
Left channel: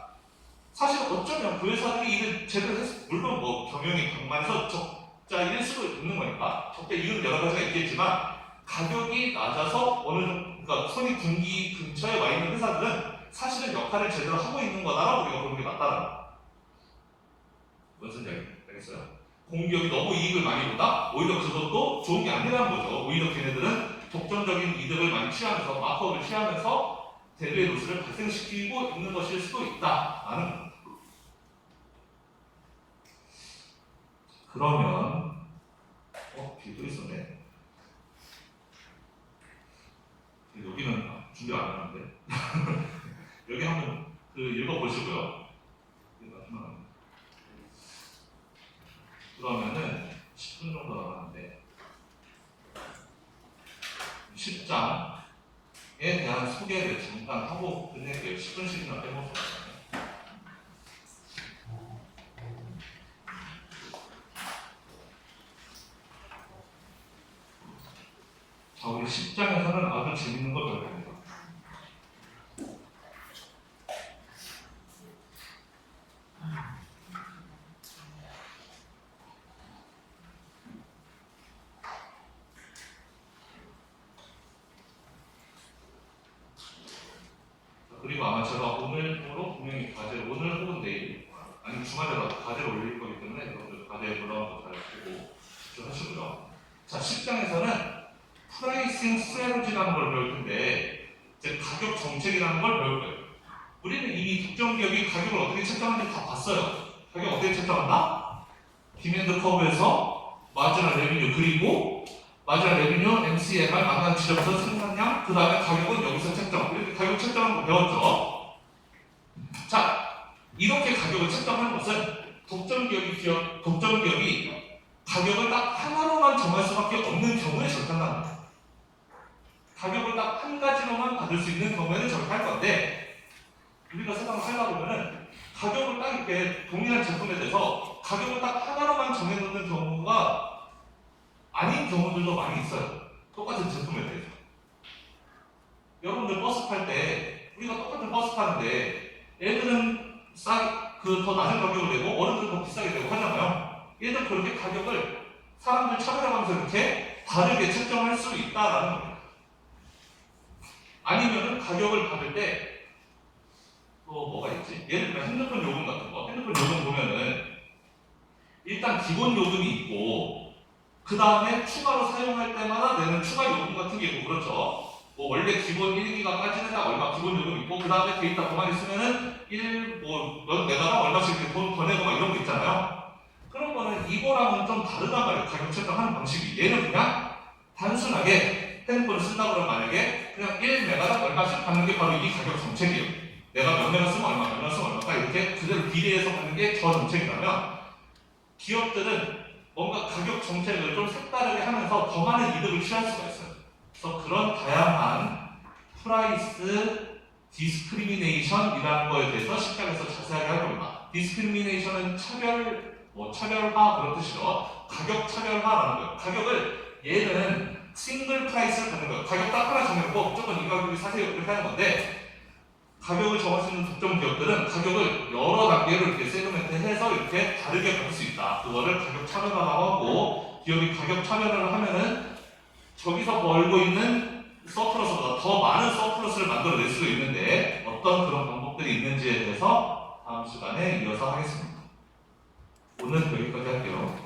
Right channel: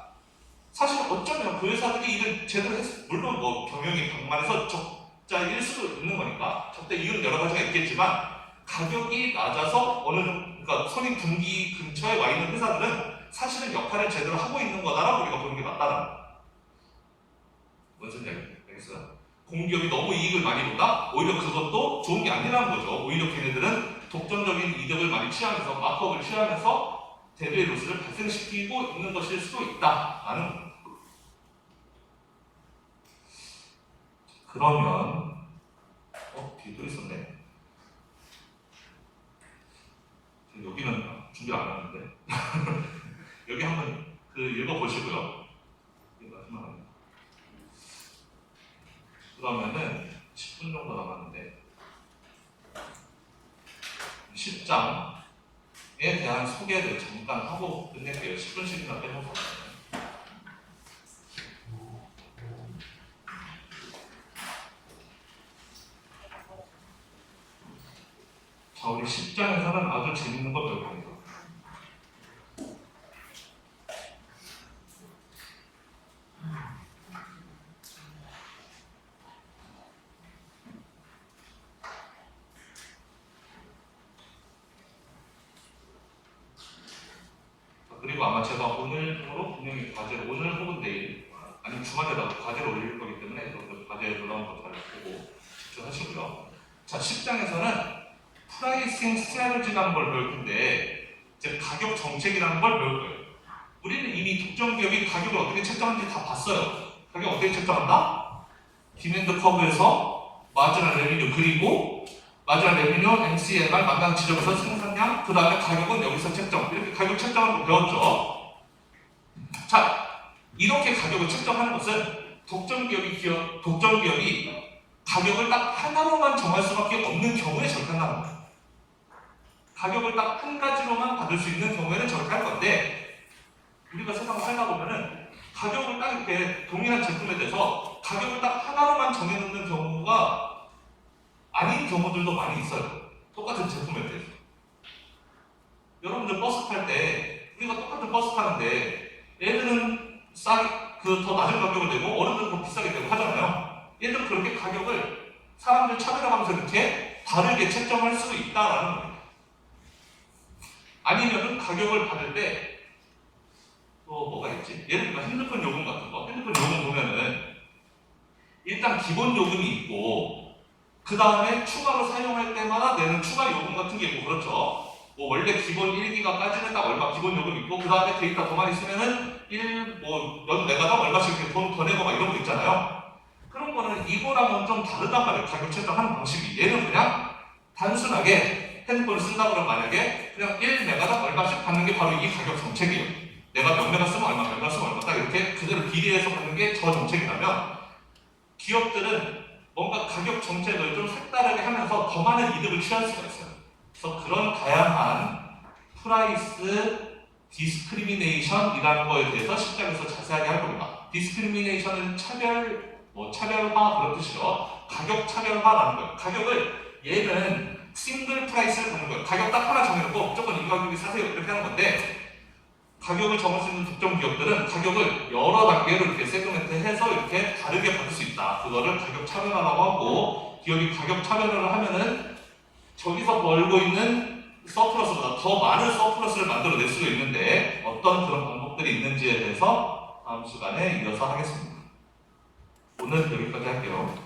사실 어쩌면 그 회사들이 일을 제대로 했어. 물론 뭐 경영이 방만해서 적자일 수도 있는 거니까 적자 이유는 여러 가지가 있겠지만 가격이 낮아서 어느 정도 그러니까 손익분기 근처에 와 있는 회사들은 사실은 역할을 제대로 하고 있는 거다라고 우리가 보는 게 맞다는 거야. 무슨 얘기? 알겠어요? 공기업이 너무 이익을 많이 본다? 오히려 그것도 좋은 게 아니라는 거죠. 오히려 걔네들은 독점적인 이득을 많이 취하면서 마크업을 취하면서 대대의 로스를 발생시키고 있는 것일 수도 있다라는 거예요. 그러면 뒤에 또 있었네. 여기는 준비를 안 했는데 여기 한번 읽어보시고요. 그러면은 10분 정도 남았는데 10장에 대한 소개를 잠깐 하고 끝낼게요. 10분씩이나 빼먹어요. 자, 우리 10장에서는 아주 재밌는 거 배울 겁니다. 그리고 아마 제가 오늘로 분명히 과제를 오늘 혹은 내일 아니면 주말에다 과제를 올릴 거기 때문에 여러분들 과제 올라온 거 잘 보고 집중하시고요. 자, 10장에서는 프라이싱 스트래티지라는 걸 배울 텐데 이제 가격 정책이라는 걸 배울 거예요. 우리는 이미 독점 기업이 가격을 어떻게 책정하는지 다 봤어요. 가격 어떻게 책정한다? 디맨드 커브에서 마지널 레비뉴 그리고 마지널 레비뉴 MCLR 마감 지점에서 생산량 그 다음에 가격은 여기서 책정 이렇게 가격 책정하는 거 배웠죠. 자, 이렇게 가격을 책정하는 것은 독점 기업이 가격을 딱 하나로만 정할 수밖에 없는 경우에 저렇게 한다는 거예요. 가격을 딱 한 가지로만 받을 수 있는 경우에는 저렇게 할 건데 우리가 세상을 살다 보면은 가격을 딱 이렇게 동일한 제품에 대해서 가격을 딱 하나로만 정해놓는 경우가 아닌 경우들도 많이 있어요. 똑같은 제품에 대해서. 여러분들 버스 탈 때 우리가 똑같은 버스 타는데 애들은 더 낮은 가격을 내고 어른들은 더 비싸게 내고 하잖아요. 얘들 그렇게 가격을 사람들 차별화하면서 이렇게 다르게 책정할 수 있다라는 거예요. 아니면은 가격을 받을 때 또 뭐가 있지? 예를 들면 핸드폰 요금 같은 거. 핸드폰 요금 보면은 일단 기본 요금이 있고 그 다음에 추가로 사용할 때마다 내는 추가 요금 같은 게 있고 그렇죠. 뭐 원래 기본 1기가까지는 딱 얼마 기본 요금 있고 그 다음에 데이터 더 많이 쓰면은 넌 내다가 얼마씩 이렇게 돈 더 내고 막 이런 거 있잖아요. 그런 거는 이거랑은 좀 다르단 말이에요. 가격 책정하는 방식이. 얘는 그냥 단순하게 핸드폰을 쓴다 그러면 만약에 그냥 1메가당 얼마씩 받는 게 바로 이 가격 정책이에요. 내가 몇몇가 쓰면 얼마, 몇몇가 쓰면 얼마 딱 이렇게 그대로 비례해서 가는 게 저 정책이라면 기업들은 뭔가 가격 정책을 좀 색다르게 하면서 더 많은 이득을 취할 수가 있어요. 그래서 그런 다양한 프라이스 디스크리미네이션이라는 거에 대해서 10장에서 자세하게 할 겁니다. 디스크리미네이션은 차별화 그런 뜻이죠. 가격 차별화라는 거예요. 가격을 얘는 싱글 프라이스를 하는 거예요. 가격 딱 하나 정해놓고 무조건 이 가격이 사세요 이렇게 하는 건데 가격을 정할 수 있는 특정 기업들은 가격을 여러 단계로 이렇게 세그멘트 해서 이렇게 다르게 받을 수 있다. 그거를 가격 차별화라고 하고 기업이 가격 차별화를 하면은 저기서 벌고 있는 서플러스보다 더 많은 서플러스를 만들어낼 수도 있는데 어떤 그런 방법들이 있는지에 대해서 다음 시간에 이어서 하겠습니다. 오늘 여기까지 할게요.